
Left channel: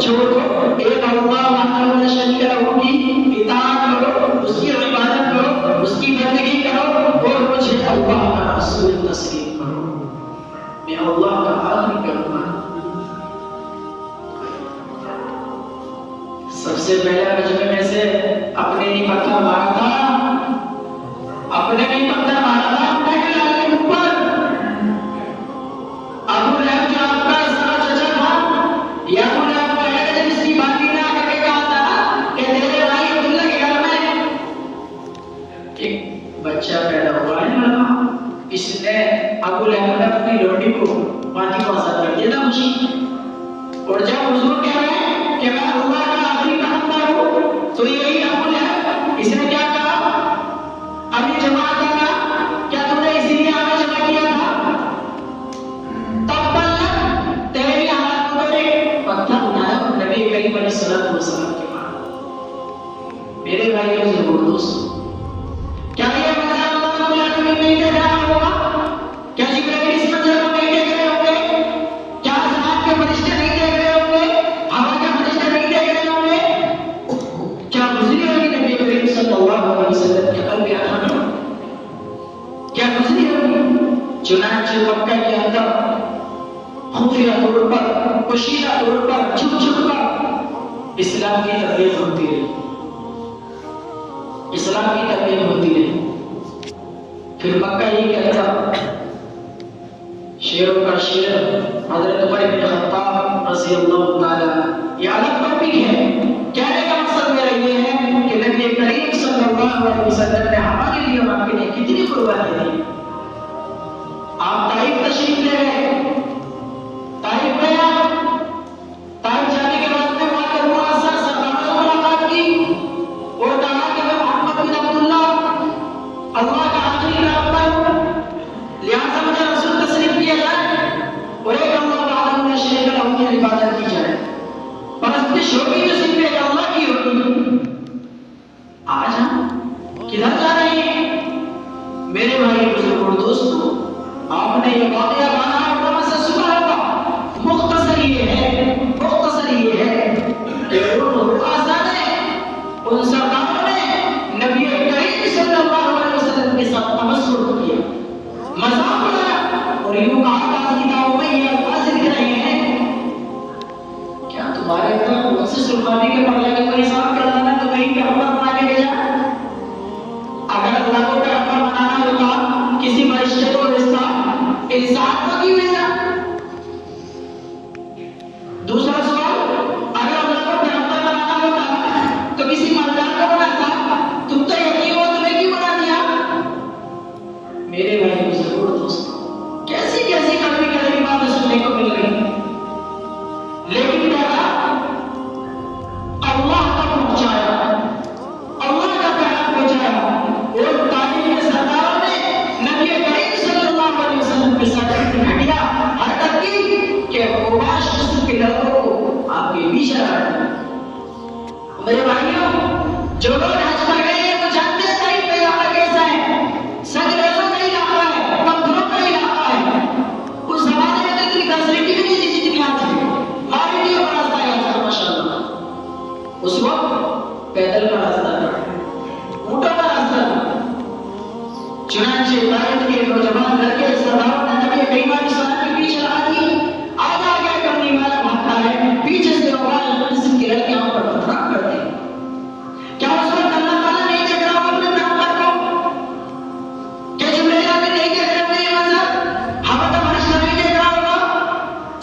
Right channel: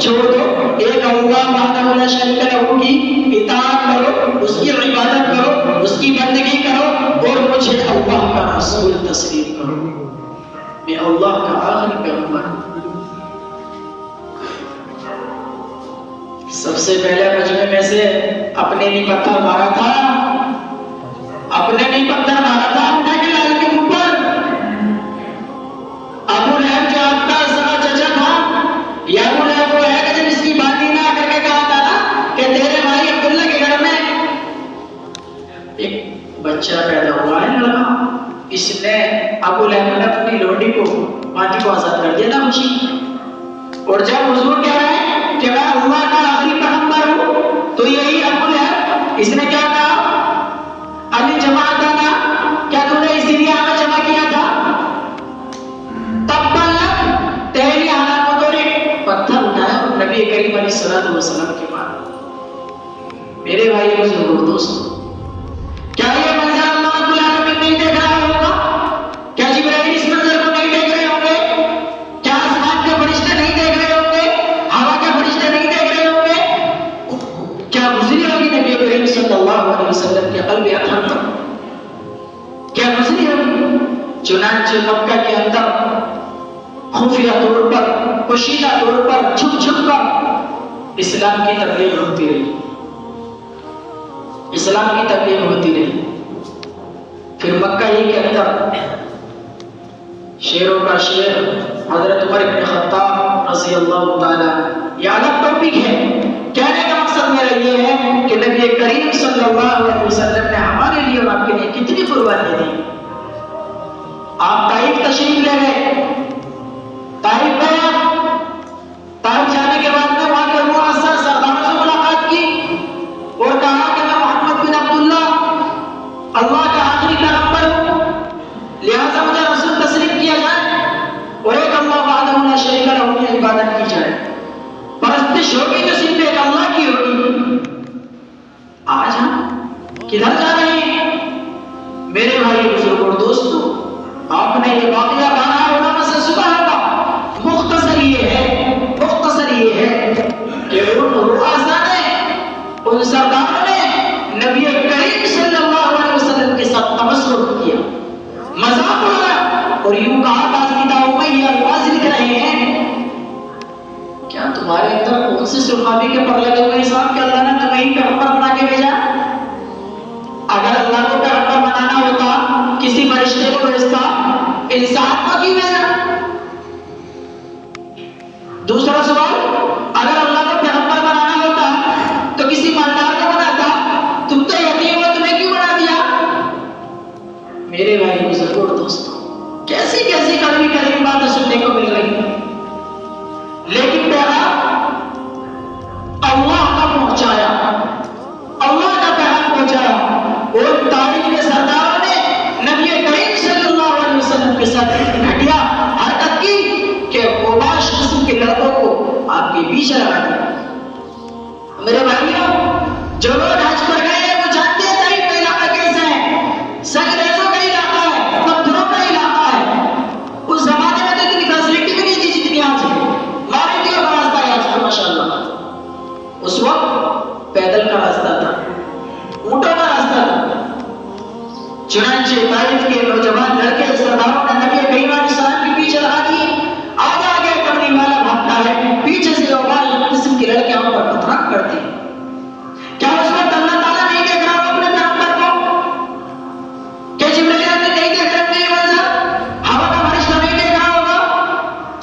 چھوڑ دو، ایک اللہ وحدہ لا شریک لہ کی اطاعت کرو، اس کی عبادت کرو، اس کی بندگی کرو، اور مجھے اللہ کا رسول تسلیم کرو، میں اللہ کا آخری پیغمبر۔ سب سے پہلے مجمع میں سے اپنے نہیں پتھر مارا تھا، اپنے نہیں پتھر مارا تھا اپنے بلال کے اوپر۔ ابو لہب جو آپ کا سگا چچا تھا، یا ابو لہب وہ ہے کہ جب اس کی بات ہی نہ کر کے کہا تھا نا کہ تیرے بھائی عبداللہ کے گھر میں ایک بچہ پیدا ہوا ہے لڑکا، اس نے ابو لہب نے اپنی لوٹی کو ماٹی کو آزاد کر دیا تھا خوشی، اور جب حضور کہہ رہے ہیں کہ میں اللہ کا آخری پیغمبر ہوں، تو یہی ابو لہب اس نے کیا کہا، ابھی جماعت آنا کیا تم نے اسی لیے آگے جمع کیا تھا، تب بلک تیری حالات کو تو پتھر اٹھایا اور نبی کریم علیہ الصلوۃ والسلام کے پاس۔ میرے بھائی اور ضرور دوست، کیا یہ منظر اللہ رب العالمین نہیں دیکھ رہا ہوگا؟ کیا جبرائیل اس منظر کو نہیں دیکھ رہے ہوں گے؟ کیا آسمان کے فرشتے نہیں دیکھ رہے ہوں گے؟ ہوا کے فرشتے نہیں دیکھ رہے ہوں گے؟ کیا گزری ہوگی نبی کریم صلی اللہ علیہ وسلم کے قلب اطہر پر؟ کیا گزری ہوگی؟ چنانچہ مکہ کے اندر خفیہ طور پر، پوشیدہ طور پر، چھپ چھپ کر اسلام کی تبلیغ ہوتی رہی، اسلام کی تبلیغ ہوتی رہی۔ پھر مکہ ہی کے اندر شیروں کا شیر حضرت عمر بن خطاب رضی اللہ تعالی، یہ الگ ٹاپک ہے، کہنے کا مقصد میرا یہ ہے کہ نبی کریم صلی اللہ علیہ وسلم نے ہمارے لیے اور آپ کے لیے کتنی قربانی دی۔ آپ طائف تشریف لے گئے، طائف گئے، طائف جانے کے بعد میں وہاں کے مؤثر سرداروں سے ملاقات کی اور کہا کہ میں محمد بن عبداللہ اللہ کا آخری پیغمبر ہوں، لہذا مجھے رسول تسلیم کیا جائے اور ایک اللہ وحدہ لا شریک لہ کی عبادت کی جائے، پرستش ہوگی تو صرف ایک اللہ کی ہوگی۔ آج ہم کدھر جا رہے ہیں؟ میرے بھائی بزرگوں دوستوں، آپ نے یہ واقعہ کہا ہے علماء سے سنا ہوگا، مختصر یہ ہے کہ ان سرداروں نے نبی کریم صلی اللہ علیہ وسلم کے ساتھ تمسخر کیا، مذاق اڑایا اور یوں کہا باقاعدہ میں یہ الفاظ لکھ رہے ہیں، کیا تمہارے اندر کون سے صحابی کے پر لگے ہوئے حساب کے اللہ نے وہی پیغمبر بنا کے بھیجا؟ اگر اللہ کو پیغمبر بنانا ہوتا کسی فرشتے کو بھیجتا، انسان کو کیوں بھیجا؟ دوسرا سوال، اگر اللہ کو پیغمبر بنانا ہوتا تو کسی مالدار کو بناتا، تم تو یتیم ہو، تمہیں کیوں بنا دیا؟ میرے بھائی بزرگوں دوستوں، کیسی کیسی کڑوی کڑوی باتیں سننے کو مل رہی ہیں، لیکن پیغام اللہ کا پہنچایا، اللہ کا پیغام پہنچایا، اور تاریخ کے سرداروں نے نبی کریم صلی اللہ علیہ وسلم کے ساتھ گھٹیا حرکت کی کہ قباش قسم کے لڑکوں کو آپ کے بیچ آیا۔ میرے بھائیوں، جو لوگ حج پر گئے ہیں وہ جانتے ہیں طائف کا علاقہ کیسا ہے، سنگریزوں کا علاقہ ہے، پتھروں کا علاقہ ہے، اس زمانے میں تو اتنی فیسلٹی بھی نہیں تھی جتنی آج ہے، مارکیٹوں کا راستہ ہے آج کل ماشاءاللہ، اس وقت پیدل کا راستہ تھا، اونٹوں کا راستہ تھا۔ چنانچہ طائف کے نوجوان لڑکے سرداروں نے نبی کریم علیہ السلام کے پیچھے لگا دیے، آگے آگے کرنے والا بھاگتا ہے، پیچھے سے اوغال قسم کے لڑکے وہاں پر پتھراک کرتے ہیں۔ کیا اس وقت اللہ تعالیٰ نہیں دیکھ رہا ہو اپنے پیغمبر کو؟ کیا جبرائیل نے نہیں دیکھ رہا ہوگا یہ منظر؟ ہوا کا فرشتہ نہیں دیکھ رہا ہوگا؟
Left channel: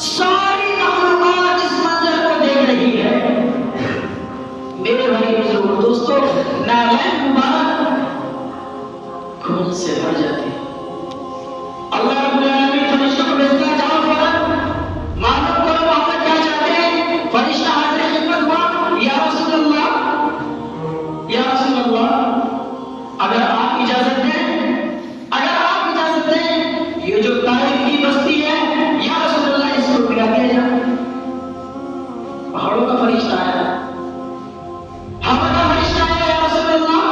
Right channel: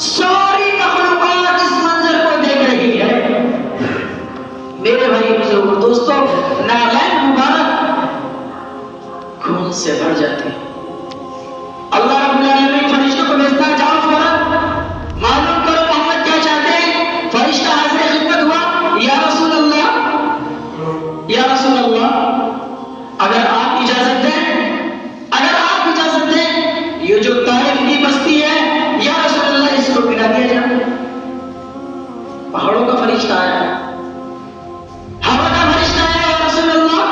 ساری مخلوقات اس منظر کو دیکھ رہی ہے۔ میرے بھائی بزرگوں دوستوں، نالین مبارک خون سے بھر جاتی ہے۔ اللہ رب العالمین فرشتوں کو بھیجتا ہے، جاؤ فوراً معلوم کرو محمد کیا چاہتے ہیں۔ فرشتہ حاضر خدمت ہوا، یا رسول اللہ، یا رسول اللہ، اگر آپ اجازت دیں، یہ جو طائف کی بستی ہے، یا رسول اللہ اس کو گرا دیا جائے۔ پہاڑوں کا فرشتہ آیا، ہوا کا فرشتہ آیا، یا رسول اللہ،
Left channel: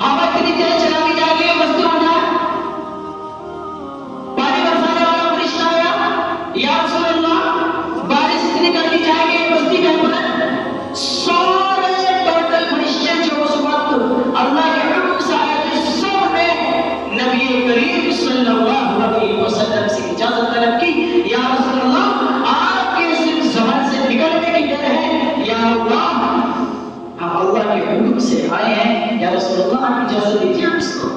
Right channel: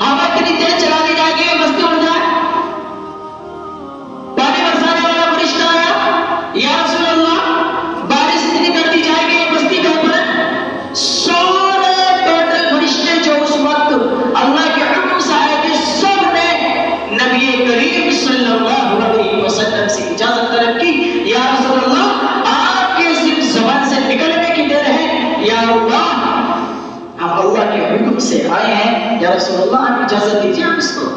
ہوا اتنی تیز چلا دی جائے گی بستی اڑ جائے۔ پانی برسانے والا فرشتہ آیا، یا رسول اللہ، بارش اتنی کر دی جائے گی بستی کس کو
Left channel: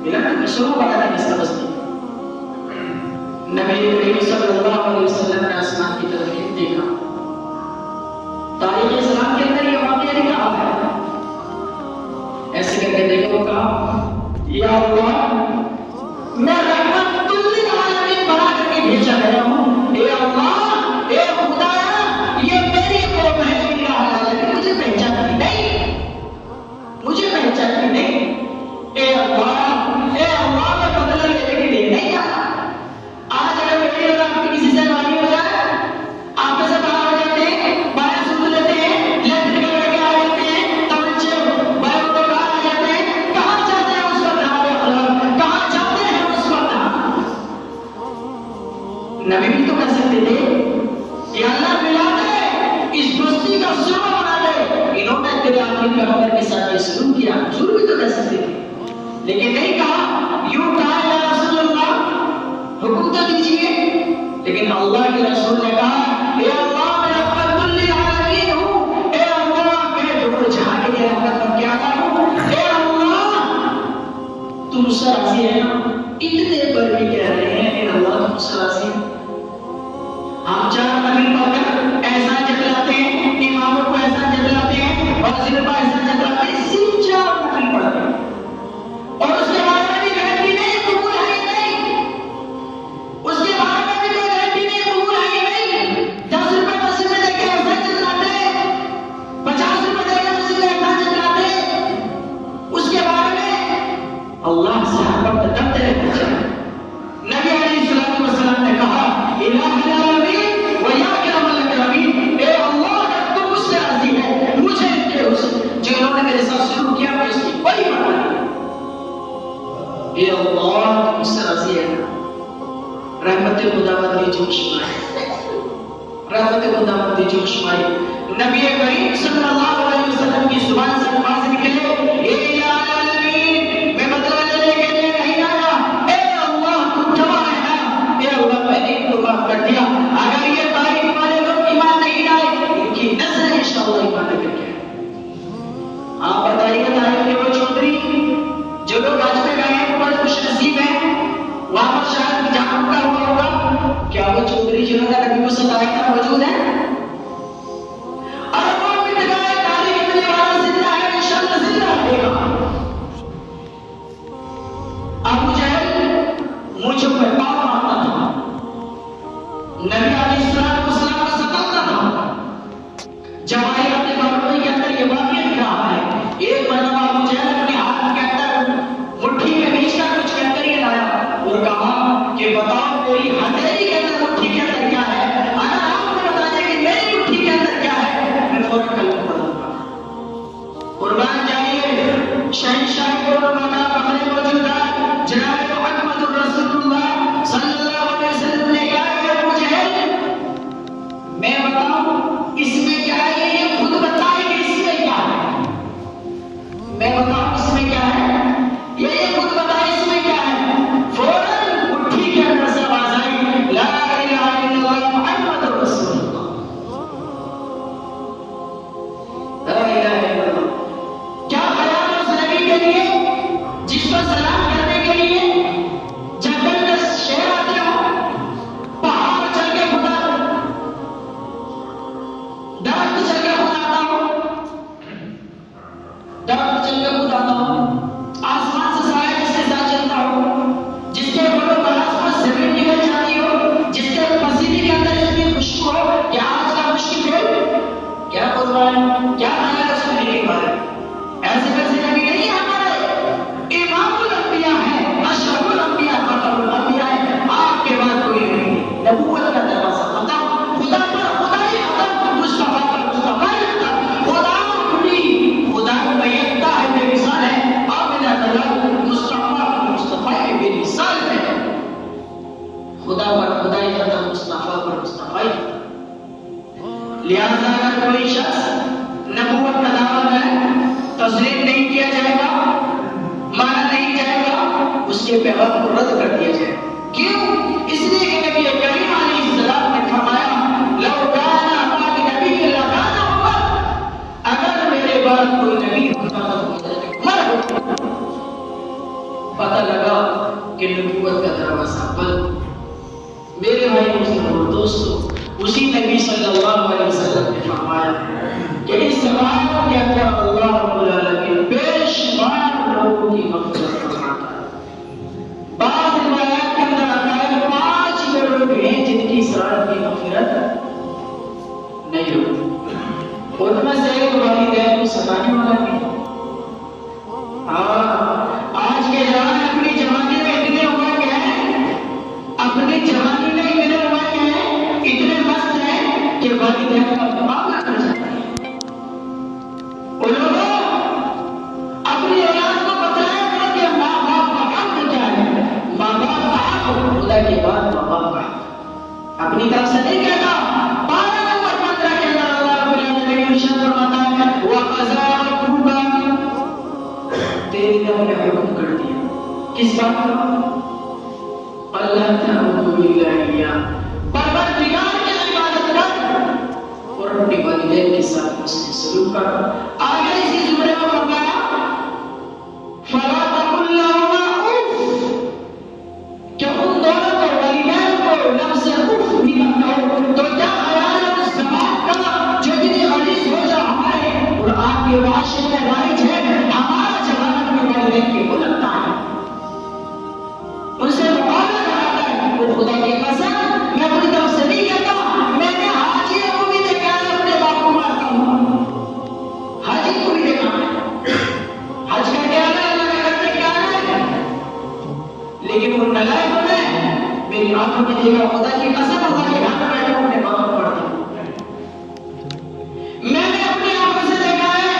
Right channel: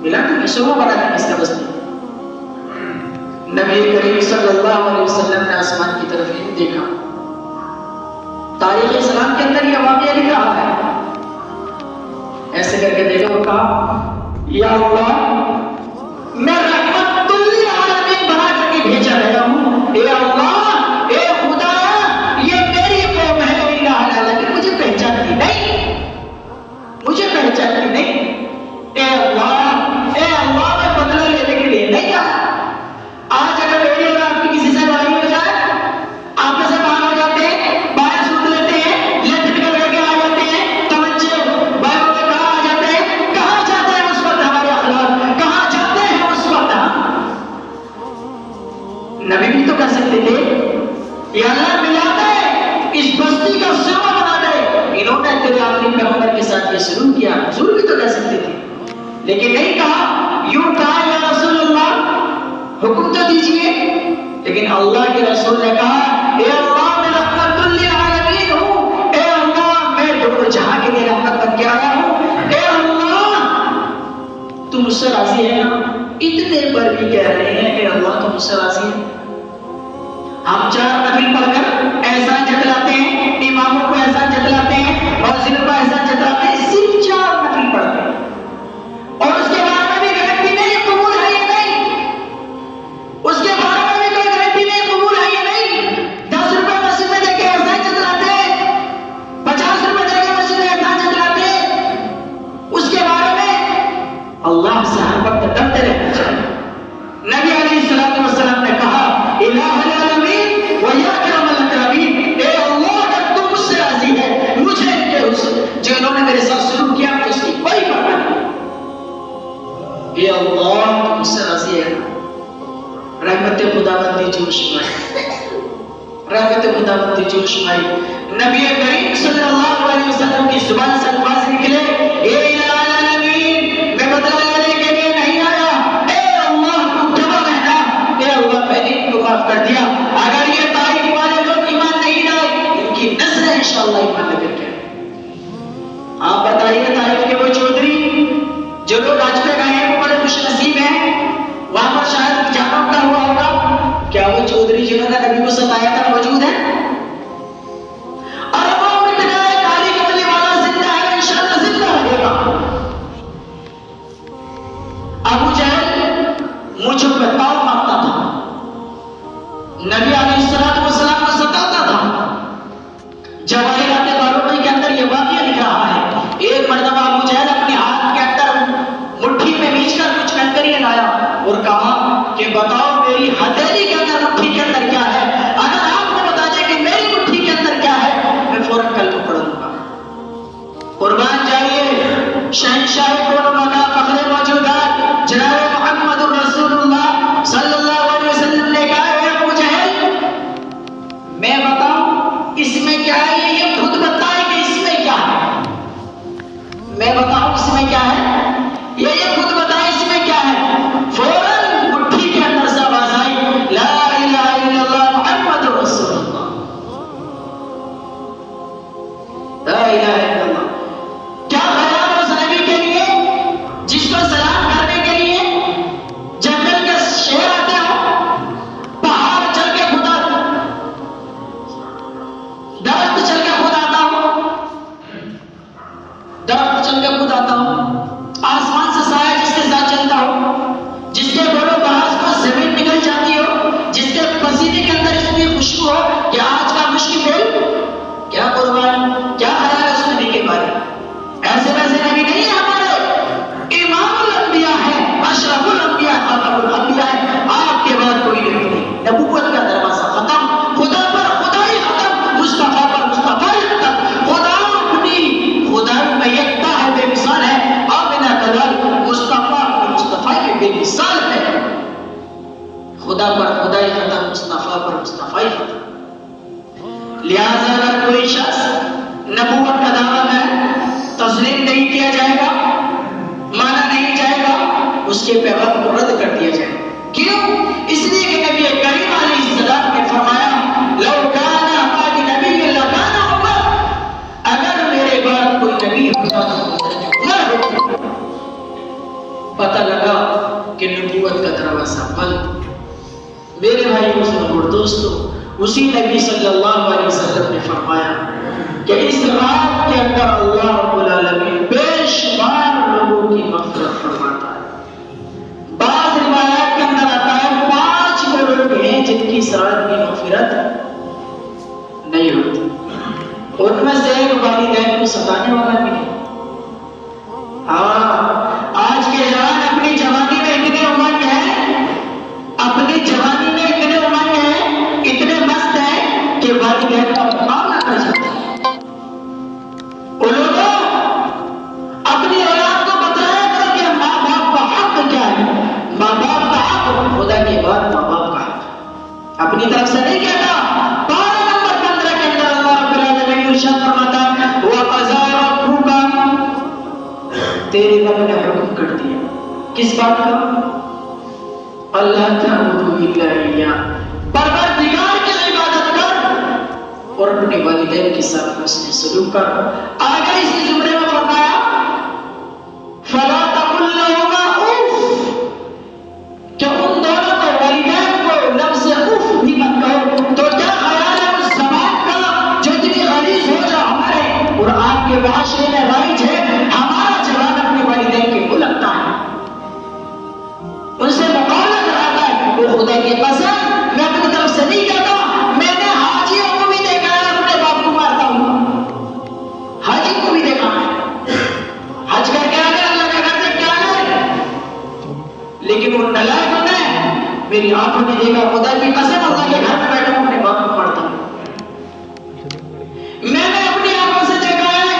ملا تو شعبہ بنا کس کا بستی نبی کریم صلی اللہ علیہ وسلم نے آسمان کی طرف دیکھا تاریخ اسلام کے اندر یہ واقعہ لکھا ہے ایسے کر کے دیکھا وہ کہا یا اللہ میں رحمت للعالمین بنا کر کے بھیجا گیا ہوں اے اللہ اے خدا یہ میری قوم ہے الہ العالمین مجھے پہچانتی نہیں مجھے پہچانتی نہیں اے اللہ میں بدلہ لینے کے لیے نہیں آیا آج اگر بیٹی اور آپ کی کسی سے لڑائی ہو جائے آپ میں سے باہر ہو جاتے ہیں بائیں سوٹ لیتے ہیں لیفٹ میں لڑ کے آ جاتے ہیں توجہ بائیں کو کہاں آ جاتے ہیں کہاں جاتے ہیں اس وقت ہمارے اخلاق کہاں جاتے ہیں اس وقت نبی بھی تو کر سکتے تھے یہ اللہ ملا دے اس بستی کا سرما بنا دے انہوں نے تیرے آخری پیغمبر کے ساتھ یہ سلوک کیا ضرور بھی تو کر سکتے تھے لیکن نہیں کہا یوں کہا یا رسول اللہ حکم تو دیجئے لیکن اللہ کے رسول نے کہا اے اللہ میں رحمت للعالمین ہوں اے اللہ میں دونوں جہاں کے لیے رحمت بن کے آیا ہوں اے اللہ تم مجھ سے راضی ہے نا اتنے پر بھی کہہ رہے ہیں اے اللہ تم مجھ سے راضی ہے ہم چار نبی پڑھ کر احسان جتلاتے ہیں اماموں کو احسان جتلاتے ہیں مسجد کو احسان جتلاتے ہیں صرف چار نبی پڑھتے ہیں اور اس کے بعد میں بھی گارنٹی نہیں قبول ہے یا نہیں اس کے بارے میں بھی کوئی گارنٹی نہیں قبول ہے یا نہیں 10 روپے مسجد میں دے کے احسان جتلاتے ہیں 50 روپے دے کے مسجد میں احسان جتلاتے ہیں اس کے بارے میں اللہ سے محبت کا ڈرتے رہنا چاہیے نبی علیہ الصلوۃ والسلام نے کہا الہ العالمین و یا کرم الاکرمین اے اللہ اگر تم مجھ سے راضی ہے مجھے جو انہوں نے میرے ساتھ سلوک کیا اس کی کوئی پرواہ نہیں اے اللہ تم مجھ سے راضی ہے رحمت خداوندی جوش میں رحمت خداوندی جوش میں نبی کریم صلی اللہ علیہ وسلم کی زبان سے الفاظ نکلے اے العالمین میں بدلہ لینے کے لیے نہیں آیا اے اللہ تو جمع رہنا اے اللہ میں نے ان کو معاف کر دیا اگر یہ طائف والے لوگ ایمان نہیں لائے ان کی نسلیں انشاءاللہ ایمان لے کر کے آپ بتائیے طائف کے وہ چودھری جو لوگ آج پہ گئے ہیں وہ بڑے خوش نصیب ہیں وہاں پر شاید جہاں کا ہوا ہوگا کیا وہ چودھری جنہوں نے نبی کو ستایا تھا موجود ہے اور وہ مٹ جائے کالی کتنے والا زندہ ہے انشاءاللہ زندہ رہے گا ابو جہل مجھ پر پاؤں مارتا تھا نبی علیہ السلام کو ستاتا تھا جواہرات باروتی کے اندر یہ واقعہ لکھ رہا ہے ایک مرتبہ ابو جہل اپنے ہاتھ کے اندر مٹھی میں بیچ کر کچھ کنکریاں لایا اور کہا کہ بتاؤ میری ہتھیلی کے اندر مٹھی کے اندر کیا ہے اگر آپ کو بتا دیں کہ میری مٹھی کے اندر کیا ہے میں فوراً کلمہ پڑھوں گا قربان جائیے شہنشاہ کون مقام فخر موجودات جناب محمد رسول اللہ صلی اللہ علیہ وسلم نے کہا ہے ابو جہل میں بتاؤں اس میں کیا ہے یہ خود بتائے کہ اس میں کیا ہے میں بتاؤں اس میں کیا ہے یہ خود بتائے اس میں کیا ہے فوراً مٹھی کے اندر سے آواز آئی لا الہ الا اللہ محمد رسول اللہ لا الہ الا اللہ کیا خیال اس نبی کے لیے جس پر سلام کرنے کے لیے جنگل کے شیر آتے ہو پہاڑ چل کے خدا درخت چل کے خود آتا ہو درخت چل کے خود آتا ہو آسمان سے سایہ جس کے ساتھ چلتا ہو جس کے بڑوں باز پر زمین نکل جاتی ہو جس کے پسینے کے اندر اس کی خوشبو ہو کہ آج کا مشکل ہے کیا قربان کیا خیال ہے اس نبی کے بارے ایسے ویسے نبی نہیں ہے ہمارے امام الانبیاء ہے اشرف الانبیاء خاتم الانبیاء ہے آپ کے بعد کوئی نبی نہیں نبوت کا دروازہ ختم خدا پر خدائی ختم مصطفیٰ پر مصطفیٰ ختم خدا اپنی خدائی میں یکتا ہے بے مثال ہے آمنہ کلال مصطفیٰ مصطفیٰ بے مثال ہے خدا پر خدائی ختم مصطفیٰ پر مصطفیٰ ختم لہذا اگر کوئی شخص نبوت کا دعویٰ ہے تسلیم نہیں کیا جائے گا مانا نہیں جائے گا اس کے پیغام کو رد کر دیا جائے گا کیوں اس لیے کہ نبی کریم علیہ السلام نے فرمایا لو کانا بعد نبی لکان عمر اگر میرے بعد کوئی نبی ہوتا تو نہ ہوتا میرے بھائی مسلم اور دوستو، اسی نبی صلی اللہ علیہ وسلم نے فرمایا کہ اس رات کے اندر اللہ رب العالمین بے شمار لوگوں کی مغفرت فرماتا ہے۔ بعض روایات کے اندر آتا ہے 5 لوگ ہیں جن کی اس رات کی مغفرت نہیں ہوتی، ان میں سے ایک والدین کو ستانے والا بھی ہے۔ آج کے جوان اپنی جوانی میں اتنے امنگ ہیں، اپنی جوانی میں اتنے امنگ ہیں، اتنے مست ہیں کہ والدین کا مقابلہ کر جاتا ہے۔ ان لوگوں اپنی اولاد کو بتایا تھا کہ ماں باپ کا حق کیا ہے، ماں باپ کا حق خدا کے بعد ماں باپ کا حق، اپنی طرف سے نہیں کہتا۔ تیرے رب نے حکم کر دیا کس بات کا؟ اللہ تعبدوا الا اياه، پروردگار کی عبادت کر اور اپنے والدین کے ساتھ حسن سلوک کر۔ آگے اسی زمرے میں فرمایا فلا تقل لهما اف، کہ ان دونوں کو والدین کو لفظ اف بھی مت کہو۔ تو کیا خیال ہے اس زبان کا جو اتنی غلیظ ہو جا ہمارے قرآن کے معاشرے میں رائج ہے؟ ہمارا جوان اپنے والدین کے کو لگتا ہے، ان سے مقابلہ کراتا ہے، وہ خدا کے قسم میں اپنی طرف سے نہیں کہتا، میں نے حاجیوں کو بھی دیکھا ہے اپنے باپ کو مارتا ہوں، حاجی کو بھی دیکھا ہے، حج کر کے آنے اللہ کے گھر سے کیا ہے، لیکن وہ نلائق ہوتا ہے، میری آنکھوں نے دیکھا خدا کی قسم اللہ کے گھر میں بیٹھا ہوں اپنے باپ کو مارتا ہوں۔ میں نے اپنی آنکھوں سے دیکھا ہے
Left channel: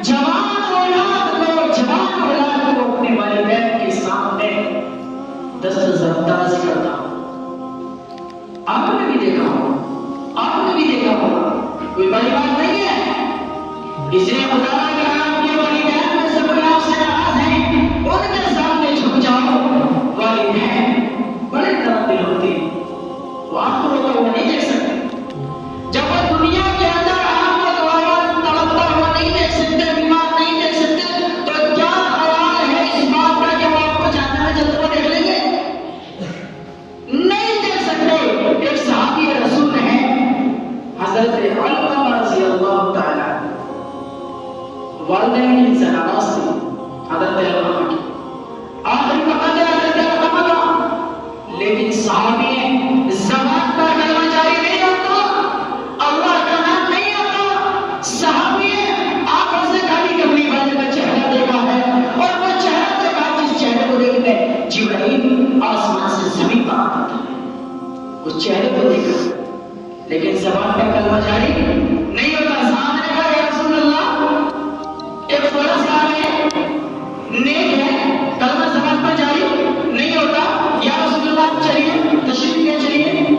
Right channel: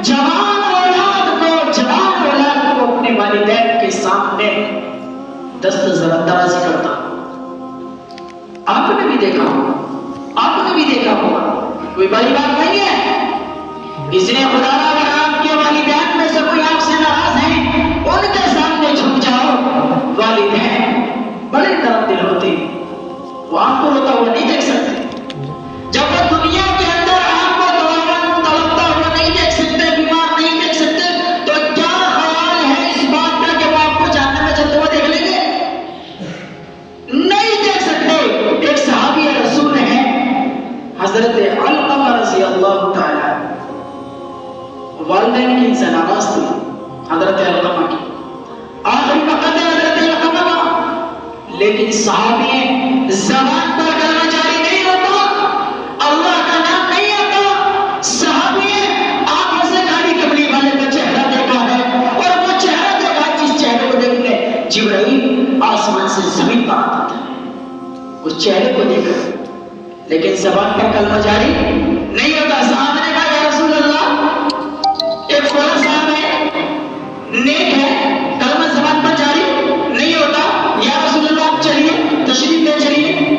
جوان اولاد کو اپنے والدین کے سامنے دست انداز کرتا ہوں۔ آپ نے بھی دیکھا ہوگا، آپ نے بھی دیکھا ہوگا، کوئی بڑی بات نہیں ہے۔ اس لیے خدا نے کہا کہ والدین میں سے کوئی آپ سے ناراض ہے ان کے سامنے جھک جاؤ۔ والدین بڑے نرم دل ہوتے ہیں، وہ آپ کو ہوتا ہوا نہیں دیکھ سکتے، جب وہ دنیا کے اندر آپ کو تڑپتا ہوا نہیں دیکھ سکتے، بیمار نہیں دیکھ سکتے، تو کیا خیال ہے اس بات کا کہ وہ آپ کو جہنم میں جلتے ہوئے دیکھ لیں گے؟ نہیں دیکھ سکتے۔ ایک صحابی رسول ہیں حضرت علقمہ رضی اللہ تعالی، والدین کی ان سے ناراض تھی حضرت علقمہ کی، آخری وقت ہے حضرت علقمہ کا، لیکن صحابی زبان پر کلمہ جاری نہیں ہوتا، اللہ کا نام نہیں آتا، صحابی آنکھوں سے کھاری کملی والے کا چہرہ دیکھا ہے، اور وہ چہرہ دیکھا جس چہرے کو دیکھتے جبرائیل آسمان سے زمین پر آتا تھا، اس چہرے کو دیکھا، لیکن زبان پر کلمہ جاری نہیں ہوتا۔ صحابہ نے کہا یا رسول اللہ ایک بڑا صاحب ہے، نیک ہے، کلمہ زبان پر جاری نہیں ہوتا، یا رسول اللہ چلیے تشریف لے چلیے،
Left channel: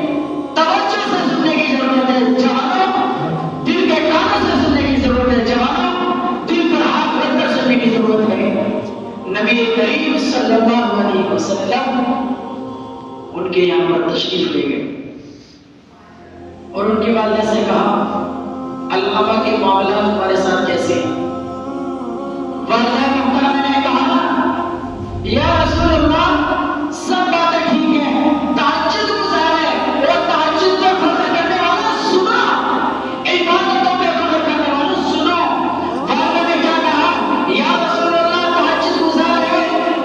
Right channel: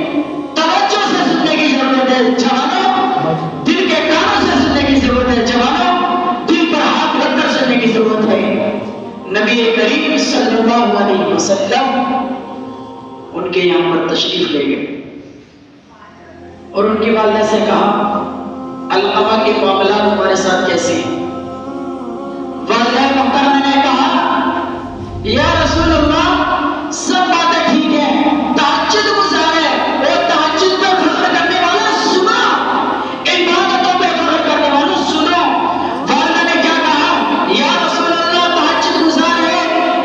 توجہ سے سننے کی ضرورت ہے جوانوں، دل کے کانوں سے سننے کی ضرورت ہے جوانوں، دل پر ہاتھ رکھ کر سننے کی ضرورت ہے۔ نبی کریم صلی اللہ علیہ وسلم ان کے یہاں پر تشریف لے گئے اور ان کی والدہ سے کہا علقمہ کے معاملات ہمارے ساتھ کیسے ہیں؟ والدہ محترمہ نے کہا یا رسول اللہ سب باتیں ٹھیک ہیں، تہجد گزار ہے اور تہجد پہ فخر کرنے والا سنو، عبادتوں پہ فخر کرنے والا سنو۔ والدہ نے کیا کہا یا رسول اللہ تہجد گزار ہے،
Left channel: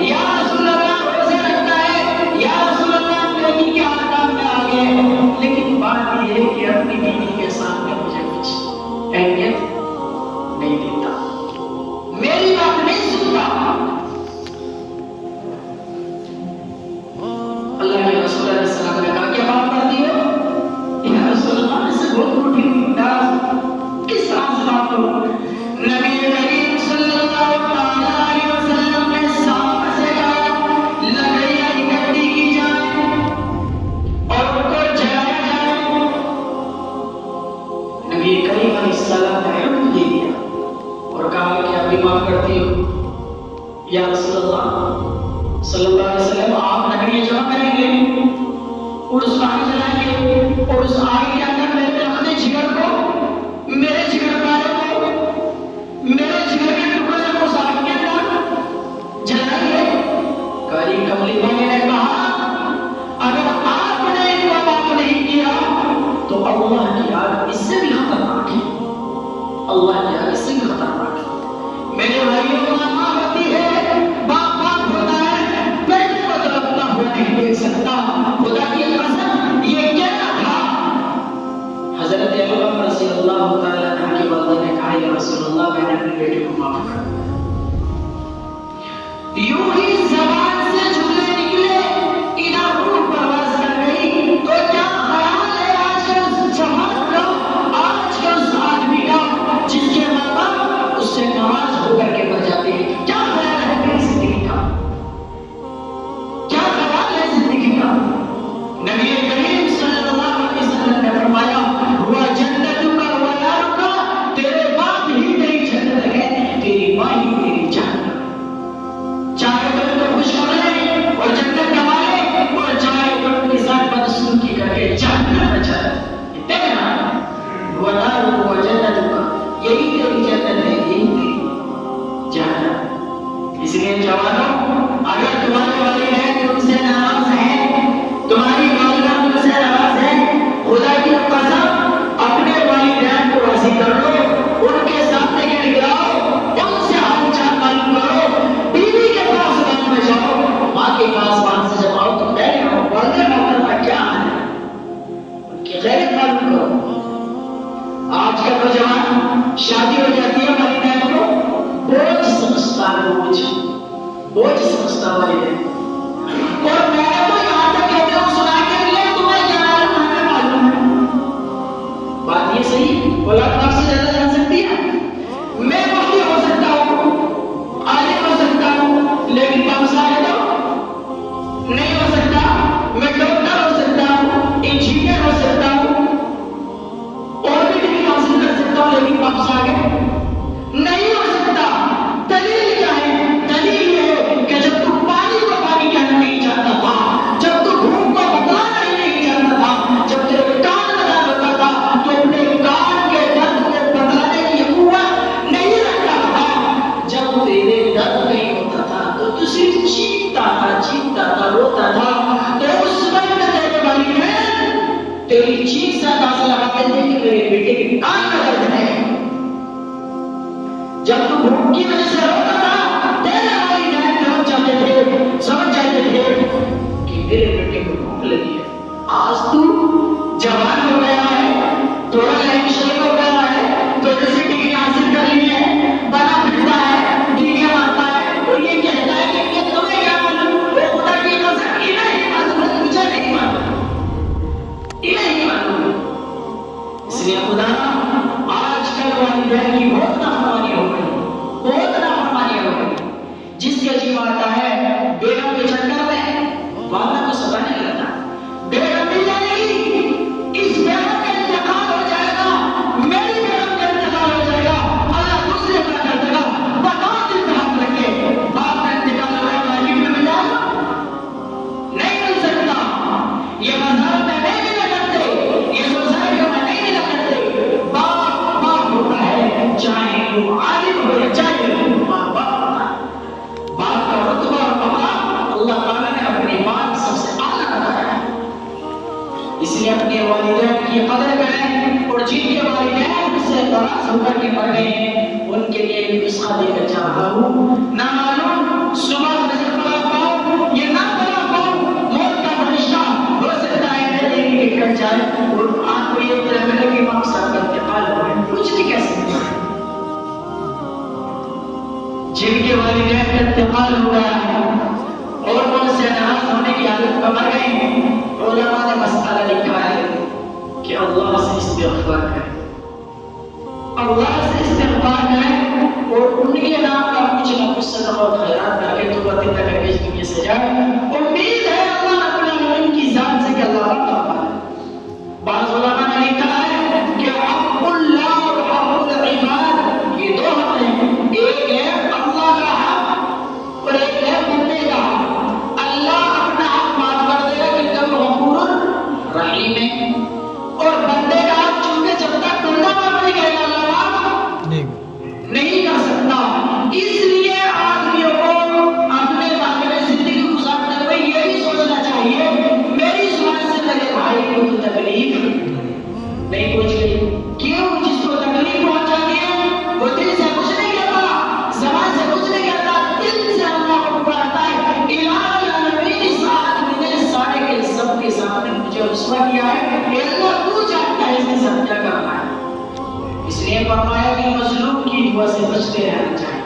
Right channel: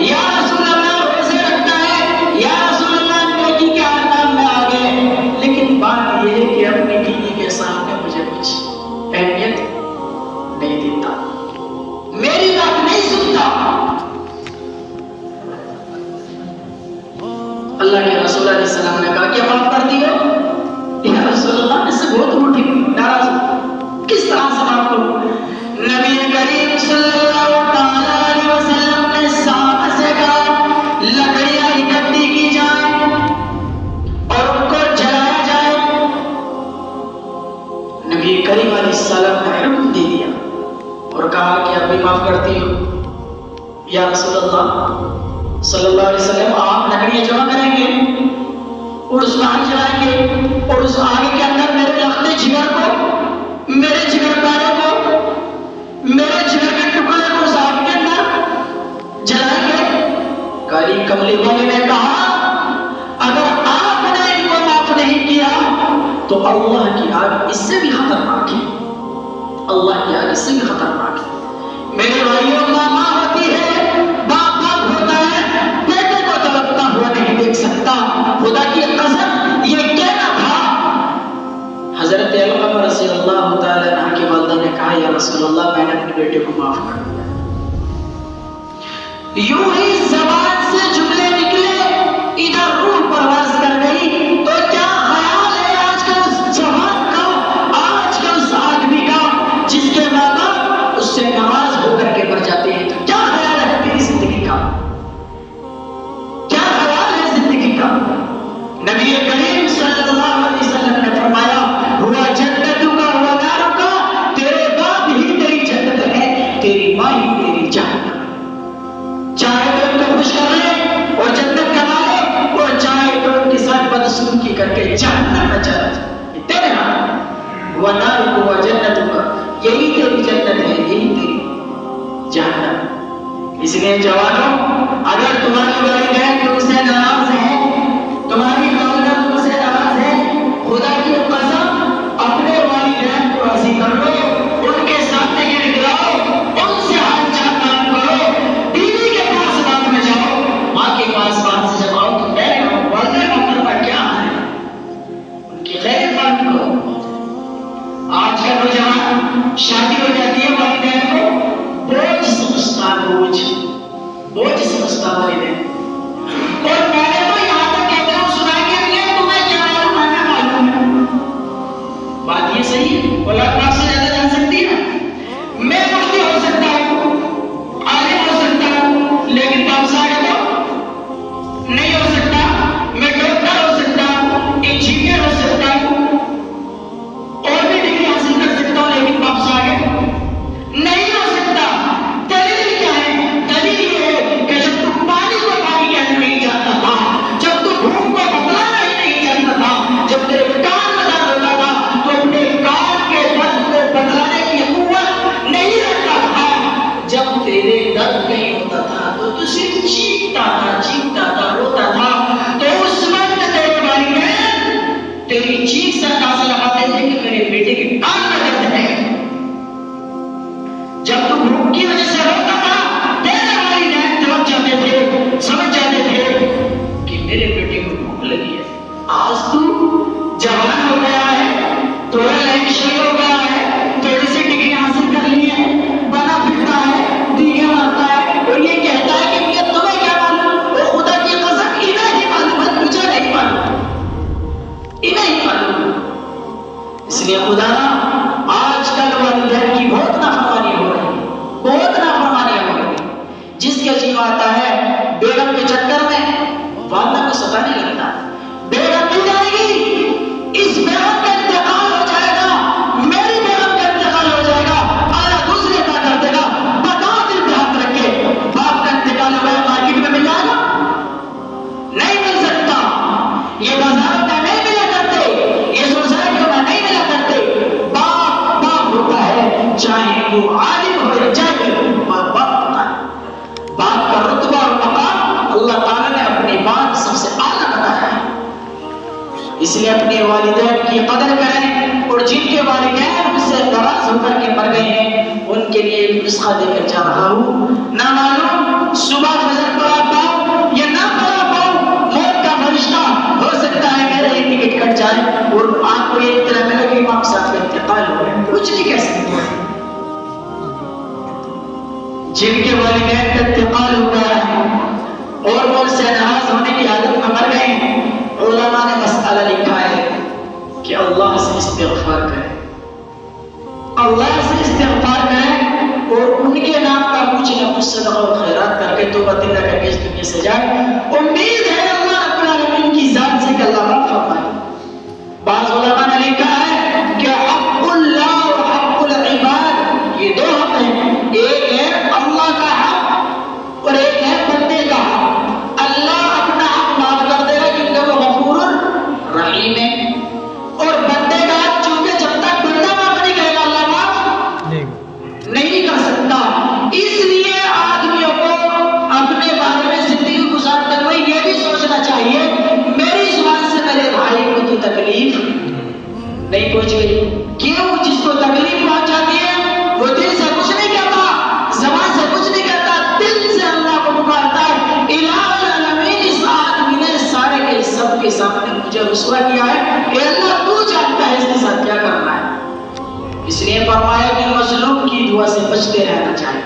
یا رسول اللہ روزے رکھتا ہے، یا رسول اللہ نیکی کے آکام میں آگے، لیکن بات یہ ہے کہ اپنی بیوی کے سامنے مجھے کچھ اہمیت نہیں دیتا، میری بات نہیں سنتا۔ اللہ کے رسول علیہ السلام نے کہا کیا معاف کر دی ہو؟ یا رسول اللہ اس سے بہت روٹی ناراض، کس طرح سے معاف کروں؟ نبی کریم صلی اللہ علیہ وسلم نے صحابہ سے کہا لکڑیاں اکٹھی کی جائیں اور ان کو جلایا جائے۔ نبی کریم علیہ السلام نے حکم دے دیا اور کہا کہ آپ بھی معاف کرتی ہو؟ یا رسول اللہ صلی اللہ علیہ وسلم آپ لکڑیاں جمع کریں گے اور اس میں آگ جلائیں گے اور اس آگ کے اندر میرے لخت جگر کو، میرے جگر پیارے کو، میرے جگر کے ٹکڑے کو اس آگ کے اندر جلائیں گے۔ کاری کملی والے نے کہا اگر آپ نے ان کو اللہ کی آگے سے بھی خطرناک ہے۔ میرے بھائیوں، ماں ہوتی ہے، باپ ہوتا ہے، بیٹے کو تڑپتا ہوا نہیں دیکھ سکتا۔ خدا کی قسم یہ کہنا تھا۔ حضرت ابو بکر رضی اللہ تعالی عنہ کی والدہ نے کہا یا رسول اللہ میں نے اپنے بیٹے کو معاف کر دیا۔ یوں ہی زبان سے جملے نکلے، ادھر روح پرواز کر گئی، تو کیا خیال ہے آج کے اس جوان کا، آج کے اس آدمی کا جس کے ماں باپ اس سے ناراض ہو کر کے مر جاتے ہیں؟ تو کیا خیال ہے میری زندگی کا؟ کیا خیال ہے زندگی کا؟ نبی کریم صلی اللہ علیہ وسلم نے فرمایا ہوا جنت کا ہوا نار کا، تیرے باپ ہی تیری جنت ہے، تیری ماں ہی تیری جہنم۔ چاہے تو ان کو خوش کرے اور جنت کمائے، اور چاہے تو ان کے ساتھ بدسلوکی کر کے جہنم میں چلا جائے۔ دیکھنا وہ نار کو وہ جنت کا، یہی تیری جنت ہے، یہی تیری جہنم۔ اس لیے جوانوں، اگر تمہاری والدین تم سے ناراض ہیں، تمہاری والدہ تم سے ناراض ہے، خدا کی قسم اپنے والدین کو راضی کر لو، ان کے سامنے گڑگڑاؤ، ان سے حال چال معلوم کرو، بیوی کے پاس بات میں جاؤ، ماں کے پاس بات سے جب آؤ تو بیٹھ والدہ محترمہ کیا ہے ان کی غیر معلوم کرو۔ آج کا نوجوان شادی ہو جاتی ہے، والدین کو بوجھ سمجھتا ہے، بوجھ سمجھتا والدین، اور میں نے تو یہاں تک کہتا ہوں سنا کے لیے تمہیں کیا معلوم ہے، میں معلوم ہے۔ بات یہ صحیح اولاد باپ سے زیادہ جان سکتی ہے؟ میں مفتی ہو سکتا ہوں، عالم ہو سکتا ہوں، لیکن باپ سے آگے تو نہیں ہو سکتا۔ میں ڈاکٹر ہو سکتا ہوں، انجینئر ہو سکتا ہوں، اور بھی ڈگری حاصل کر سکتا ہوں، لیکن باپ سے آگے نہیں ہو سکتا۔ دلیل کیا ہے؟ دلیل یہ ہے کہ جب تم پانی کو پانی کہنا نہیں جانتا تھا، جب تم بھوک کو بتلانا ہی نہیں جانتا تھا، جب تیرے کان لگا ہوتا تھا تو اپنے کان کے درد کو بتلانے کی قوت نہیں رکھتا تھا، جب تیرے درد نہیں ہوتا تھا تو تو صرف چیختا تھا، روتا تھا، تو اس وقت تیرے والدین تیری چیخ سے اندازہ لگاتے تھے کہ میرے بیٹے کے کان میں درد ہے۔ جب تو بھوک کی وجہ سے روتا تھا، تیرے والدین سمجھ جاتے تھے کہ میرے بیٹے کو بھوک لگی ہے۔ آج تو جوان ہو گیا ہے، تھوڑا لائف شروع ہو گیا ہے، تھوڑی سی ڈگری حاصل کر لی ہے، بنا پھرتا ہے، ڈگری مارتا ہے، اور یہ کہتا ہے کہ یہ تمہیں کیا معلوم؟ وہ خدا کی قسم انہیں ہی معلوم ہے، مجھے نہیں معلوم، انہیں ہی معلوم۔ اس لیے خدا آج کل والدین کی بہت نافرمانی ہو رہی ہے، بہت نافرمانی ہو رہی ہے۔ جس کے جی آتا ہے بیگم کے چکر میں والدہ کو ستا نہیں لگتا، بیگم مل جائے گی، اس بیگم کا انتقال ہو جائے گا، میری بیگم کا انتقال ہو جائے گا، اللہ دوسرے کا کر دے گا، بتا دل پہ ہاتھ رکھے، باپ کا انتقال ہوا ہے، مارکیٹ میں مل جائے گا؟ نہیں مل سکتا۔ یہ بازار کا نہیں ملا کرتے، یہ سوسائٹی کا نہیں ملا کرتے۔ باپ ہوتا ہے، چاہے وہ عالم ہو یا جاہل ہو، باپ ہوتا ہے۔ باپ کا رتبہ اور مقام اللہ تعالیٰ نے اپنی بات سب سے اعلیٰ بتایا ہے۔ اس لیے اپنے والدین کی قدر کریں، اور جن کے والدین ان سے ناراض ہو کر کے مر گئے ہیں ان کے لیے ایک نسخہ دے کر جا رہا ہوں۔ نہ معلوم صبح فجر پڑا پاؤ یا نہ پڑا پاؤ، موت کا فرشتہ ہو سکتا ہے میرے ہی ٹکٹ کٹ جائے اور آپ کو ایک طرح میں لگے امام صاحب کا انتقال ہو ہے، کچھ نہیں کہہ سکتے۔ جن کے والدین کا انتقال ہو گیا ہے اور وہ ان سے ناراض ہونے کی حالت میں مر گئے ہیں، علماء نے مسئلہ لکھا ہے کہ اللہ سے استغفار کریں، اللہ سے استغفار کریں، اور ان کے نام کا کچھ نہ کچھ صدقہ اور خیرات کر کے توبہ دل کر کے اس دنیا سے جائے۔ امید ہے اللہ رب العالمین کی ذات سے کہ اللہ رب فرمائے۔ بعض علماء نے لکھا ہے کہ حق اللہ اور حق العباد، یہ دو حق ہیں، ایک ہے اللہ کا حق اور ایک ہے بندے کا حق۔ اللہ اپنا حق معاف کر دے گا کیونکہ وہ غفور رحیم ہے، اور بندے کا حق چونکہ جب تک بندہ نہ بنے گا اللہ معاف نہیں کر سکتا۔ اس لیے آدمیوں کو اپنے بارے میں زندگی گزارتے ہوئے یہ بھی لیے فرمایا کہ مظلوم کی دعا سے بچتے رہنا چاہیے.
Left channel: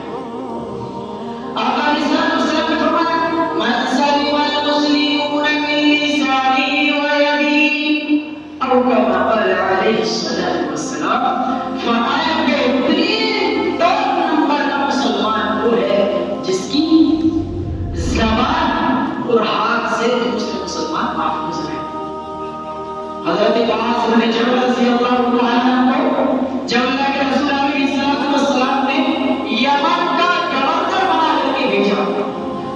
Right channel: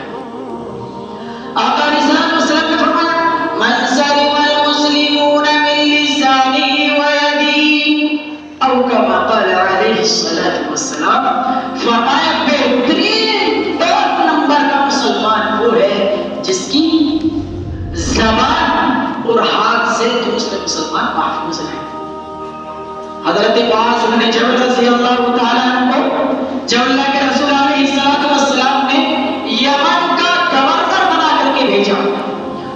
آقا علیہ السلام نے فرمایا من سلم المسلمون من لسانه ويده او كما قال علیہ الصلوۃ والسلام. فرمایا بہترین ٹاپ نمبر کا مسلمان وہ ہے جس کی زبان اور ہاتھ سے دوسرے مسلمان محفوظ ہے. حضرت معاذ بن جبل رضی اللہ تعالیٰ عنہ جب اللہ کے رسول علیہ السلام نے یمن کا گورنر بنا کر کے بھیجا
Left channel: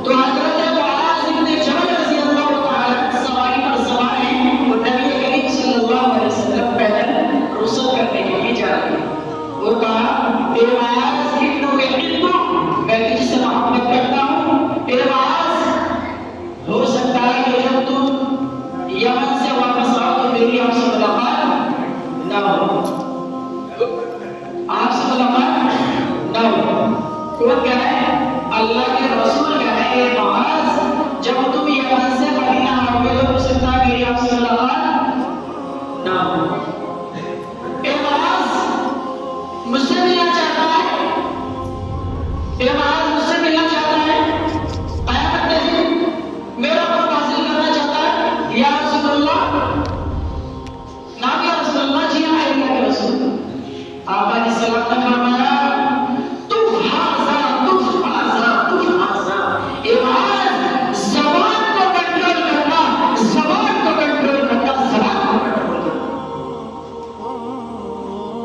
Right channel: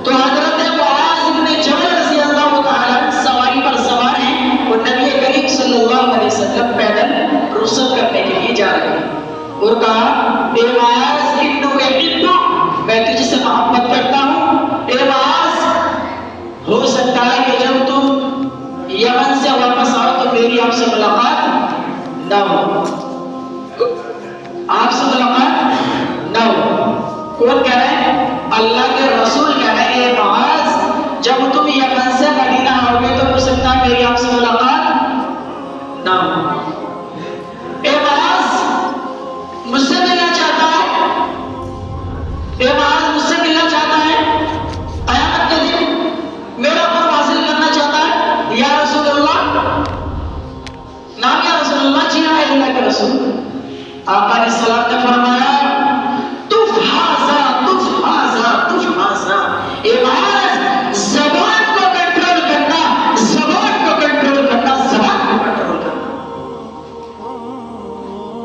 تو حضرت معاذ بن جبل رضی اللہ تعالیٰ سواری پر سوار ہیں اور نبی کریم صلی اللہ علیہ وسلم پیدل رخصت کرنے کے لیے جا رہے ہیں اور کہا اے معاذ میں تجھ سے محبت کرتا ہوں. اے معاذ ہو سکتا ہے کہ جب تم یمن سے واپس آؤ تو میری آپ سے ملاقات نہ ہو. آپ سے ملاقات نہ ہو. کون کہہ رہے ہیں؟ اللہ کے رسول کہہ رہے ہیں اے معاذ جب تم یمن سے مدینہ آؤ گے تو ہو سکتا ہے میری آپ سے ملاقات نہ ہو. اے معاذ مجھ سے ملنا چاہتا ہے؟ اے معاذ مجھ سے ملنا چاہتا ہے؟ قیامت کے دن میرا پاس حاصل کرنا چاہتا ہے یا رسول اللہ؟ نام یا رسول اللہ؟ جی ہاں اللہ کے رسول. آقا علیہ السلام نے فرمایا تف حاضا تف حاضا تف حاضا. اے معاذ زبان کو کنٹرول کرنا، زبان کو کنٹرول کرنا، زبان کو کنٹرول کرنا.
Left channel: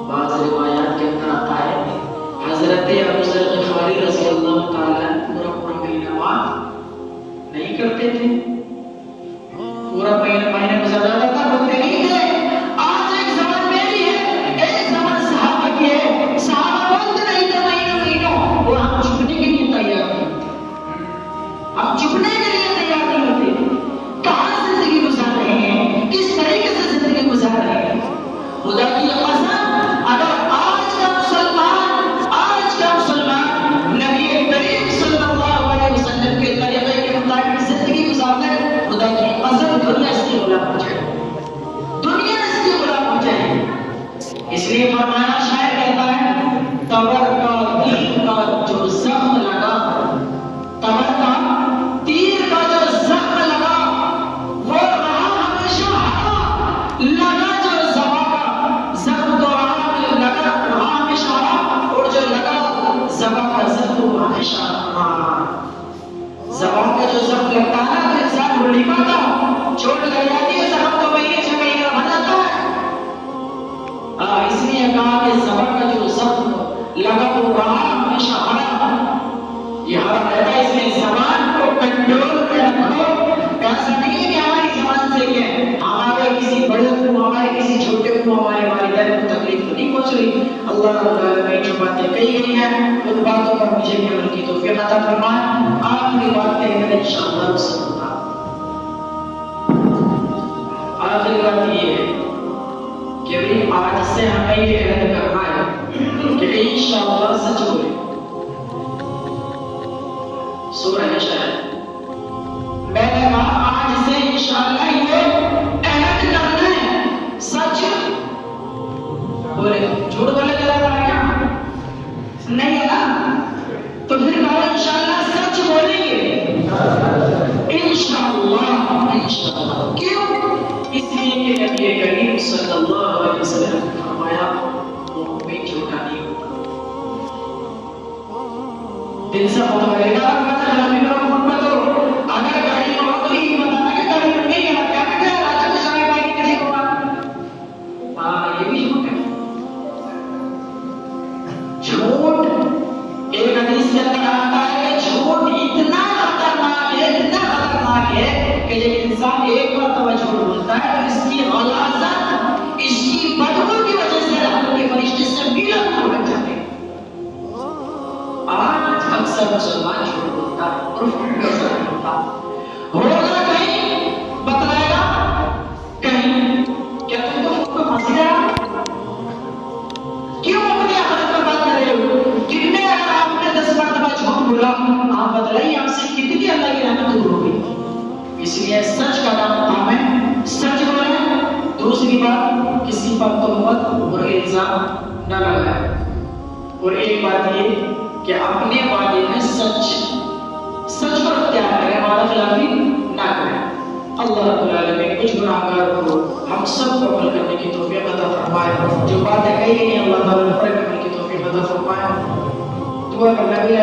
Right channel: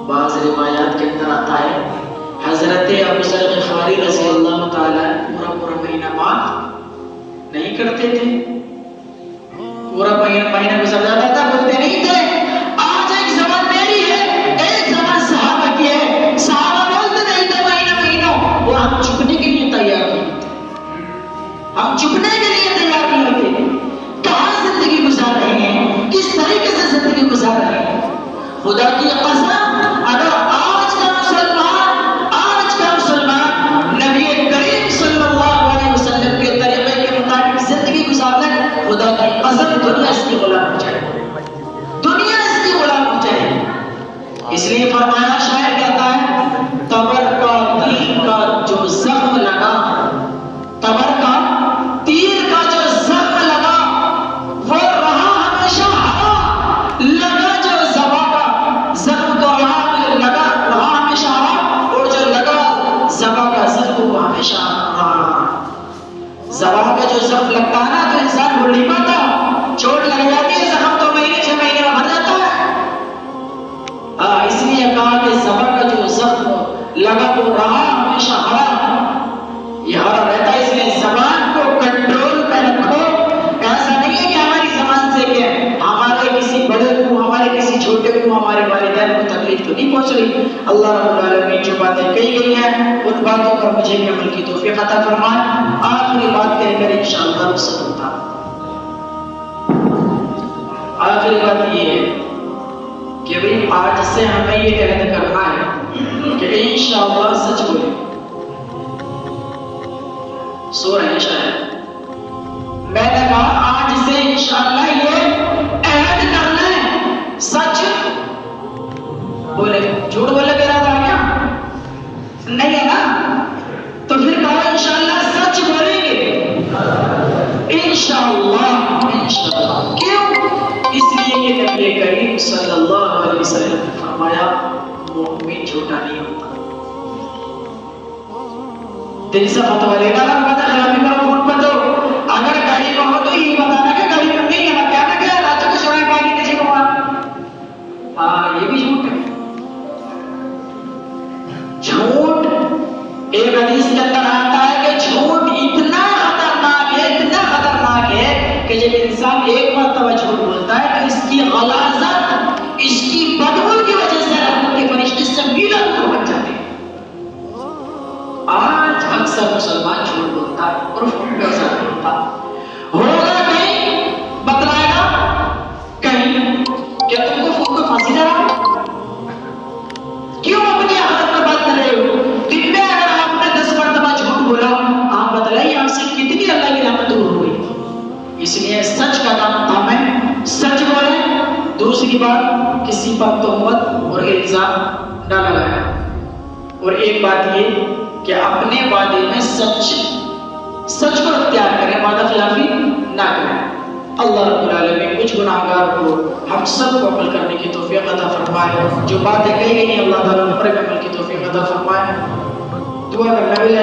بعض روایات کے اندر آتا ہے حضرت ابو ذر غفاری رضی اللہ تعالیٰ پورا مہینہ معاف نہیں کرتے تھے. پورا مہینہ گزر جاتا تھا بولتے نہیں تھے آج ایک زبان میری ہے ایک زبان صحابہ کی ہے. صحابہ بولتے نہیں تھے مہینہ اور ہم چھپنے کے لیے تیار نہیں تھے. ہم چھپنے کے لیے تیار نہیں ہوتے. کہاں زندگی گزار رہے ہیں، کس طریقے سے زندگی گزار رہے ہیں. خدا کی قسم اگر آج کا مسلمان نبی کریم صلی اللہ علیہ وسلم کے طریقے کے مطابق زندگی گزار لے خدا کی قسم دنیا اس کی غلام ہو جائے. دنیا اس کی غلام ہو جائے. اس لیے فرمایا شاعر کہتا ہے تبر کا تیر کا جو زخم لگا، تبر کا تیر کا جو زخم لگا وہ رہا ہمیشہ ہرا. لگا جو زبان کا زخم تو رہا ہمیشہ ہرا اور جو لگا زبان کا زخم وہ ہمیشہ رہا. زبان کا جو زخم لگتا ہے نا تو انسان بھول نہیں پاتا. چوٹ لگ جاتی ہے زخم تو مہینے 6 مہینے میں بن جاتا ہے. اس لیے کہا کہ زبان کا جو زخم لگا وہ رہا ہمیشہ ہرا. یہ ہرا رہتا ہے. اس لیے زبان کو کنٹرول میں رکھو. ایسا نہیں ہے کہ ہماری زبان سے کہ ہمارے کسی بڑے کو، ہمارے کسی چھوٹے کو، ہمارے والدین کو تکلیف تو نہیں پہنچ رہی. اللہ رب العالمین جو باتیں کہی گئی ہیں ان باتوں پر مجھے بھی عمل کی توفیق عطا فرمائے. آخری بات کہیں گے انشاءاللہ وسلم. آخری بات یہ ہے کہ بھئی آج سے ہمیں یہ عہد کرنا ہے کہ انشاءاللہ سچ بولیں. سو رہے ہیں شاید. میں نے کہا آج سے انشاءاللہ یہ عہد کرنا ہے سچ بولے. جھوٹ بولے تیرا تھا کیا؟ نہیں ہے نا. تو پھر کہا انشاءاللہ سچ بولیں گے. انشاءاللہ کیوں؟ اس لیے کہ نبی کریم صلی اللہ علیہ وسلم نے فرمایا مومن جھوٹا نہیں ہوتا. دل سے مت بولے گا خلافی پر محبت ہو. اگر گاڑی میں ہو تو یہ بتانا کہ گاڑی میں نہیں ہے کہنا کہ راجہ کو شرائع پانی کسی کو ہاں یہ بھی جھوٹ ہے. جھوٹ ایک حدیث کے اندر آتا ہے کہ جھوٹ اتنا خطرناک ہے کہ جب انسان ایک مرتبہ جھوٹ بولتا ہے تو اس کی غلاظت، اس کی بدبو کی وجہ سے رحمت کے فرشتے سے میلوں دور بن جاتے ہیں. آج اکثر مسلمان جھوٹ بولتا ہے اور ایسا نہیں ہوتا. ہوگا کہیں بتلائے گا کہیں کہ تم کو پھنسی رہا کیوں اپنی عادت پر بات کر رہے ہو. دن میں اگر آپ نے 10 مرتبہ جھوٹ بولا آپ بتلائیے آپ سے کتنی اللہ کی رحمت دور ہو گئی. اس لیے سچ کا نام ہمیں سچ بولیں. دوسری بات کسی پر تہمت اور الزام نہ لگائیں. اور ایک بات یہ کہ اپنے وعدے میں سچ کو اختیار کریں، وعدہ خلافی نہ کریں۔ اللہ رب العالمین کچھ گناہگار کو ہم سب کو عمل کرنے کی توفیق عطا فرمائے، جو باتیں کہی گئی ہیں اللہ تعالیٰ پر عمل کی توفیق عطا فرمائے۔ دعا کرنا بھی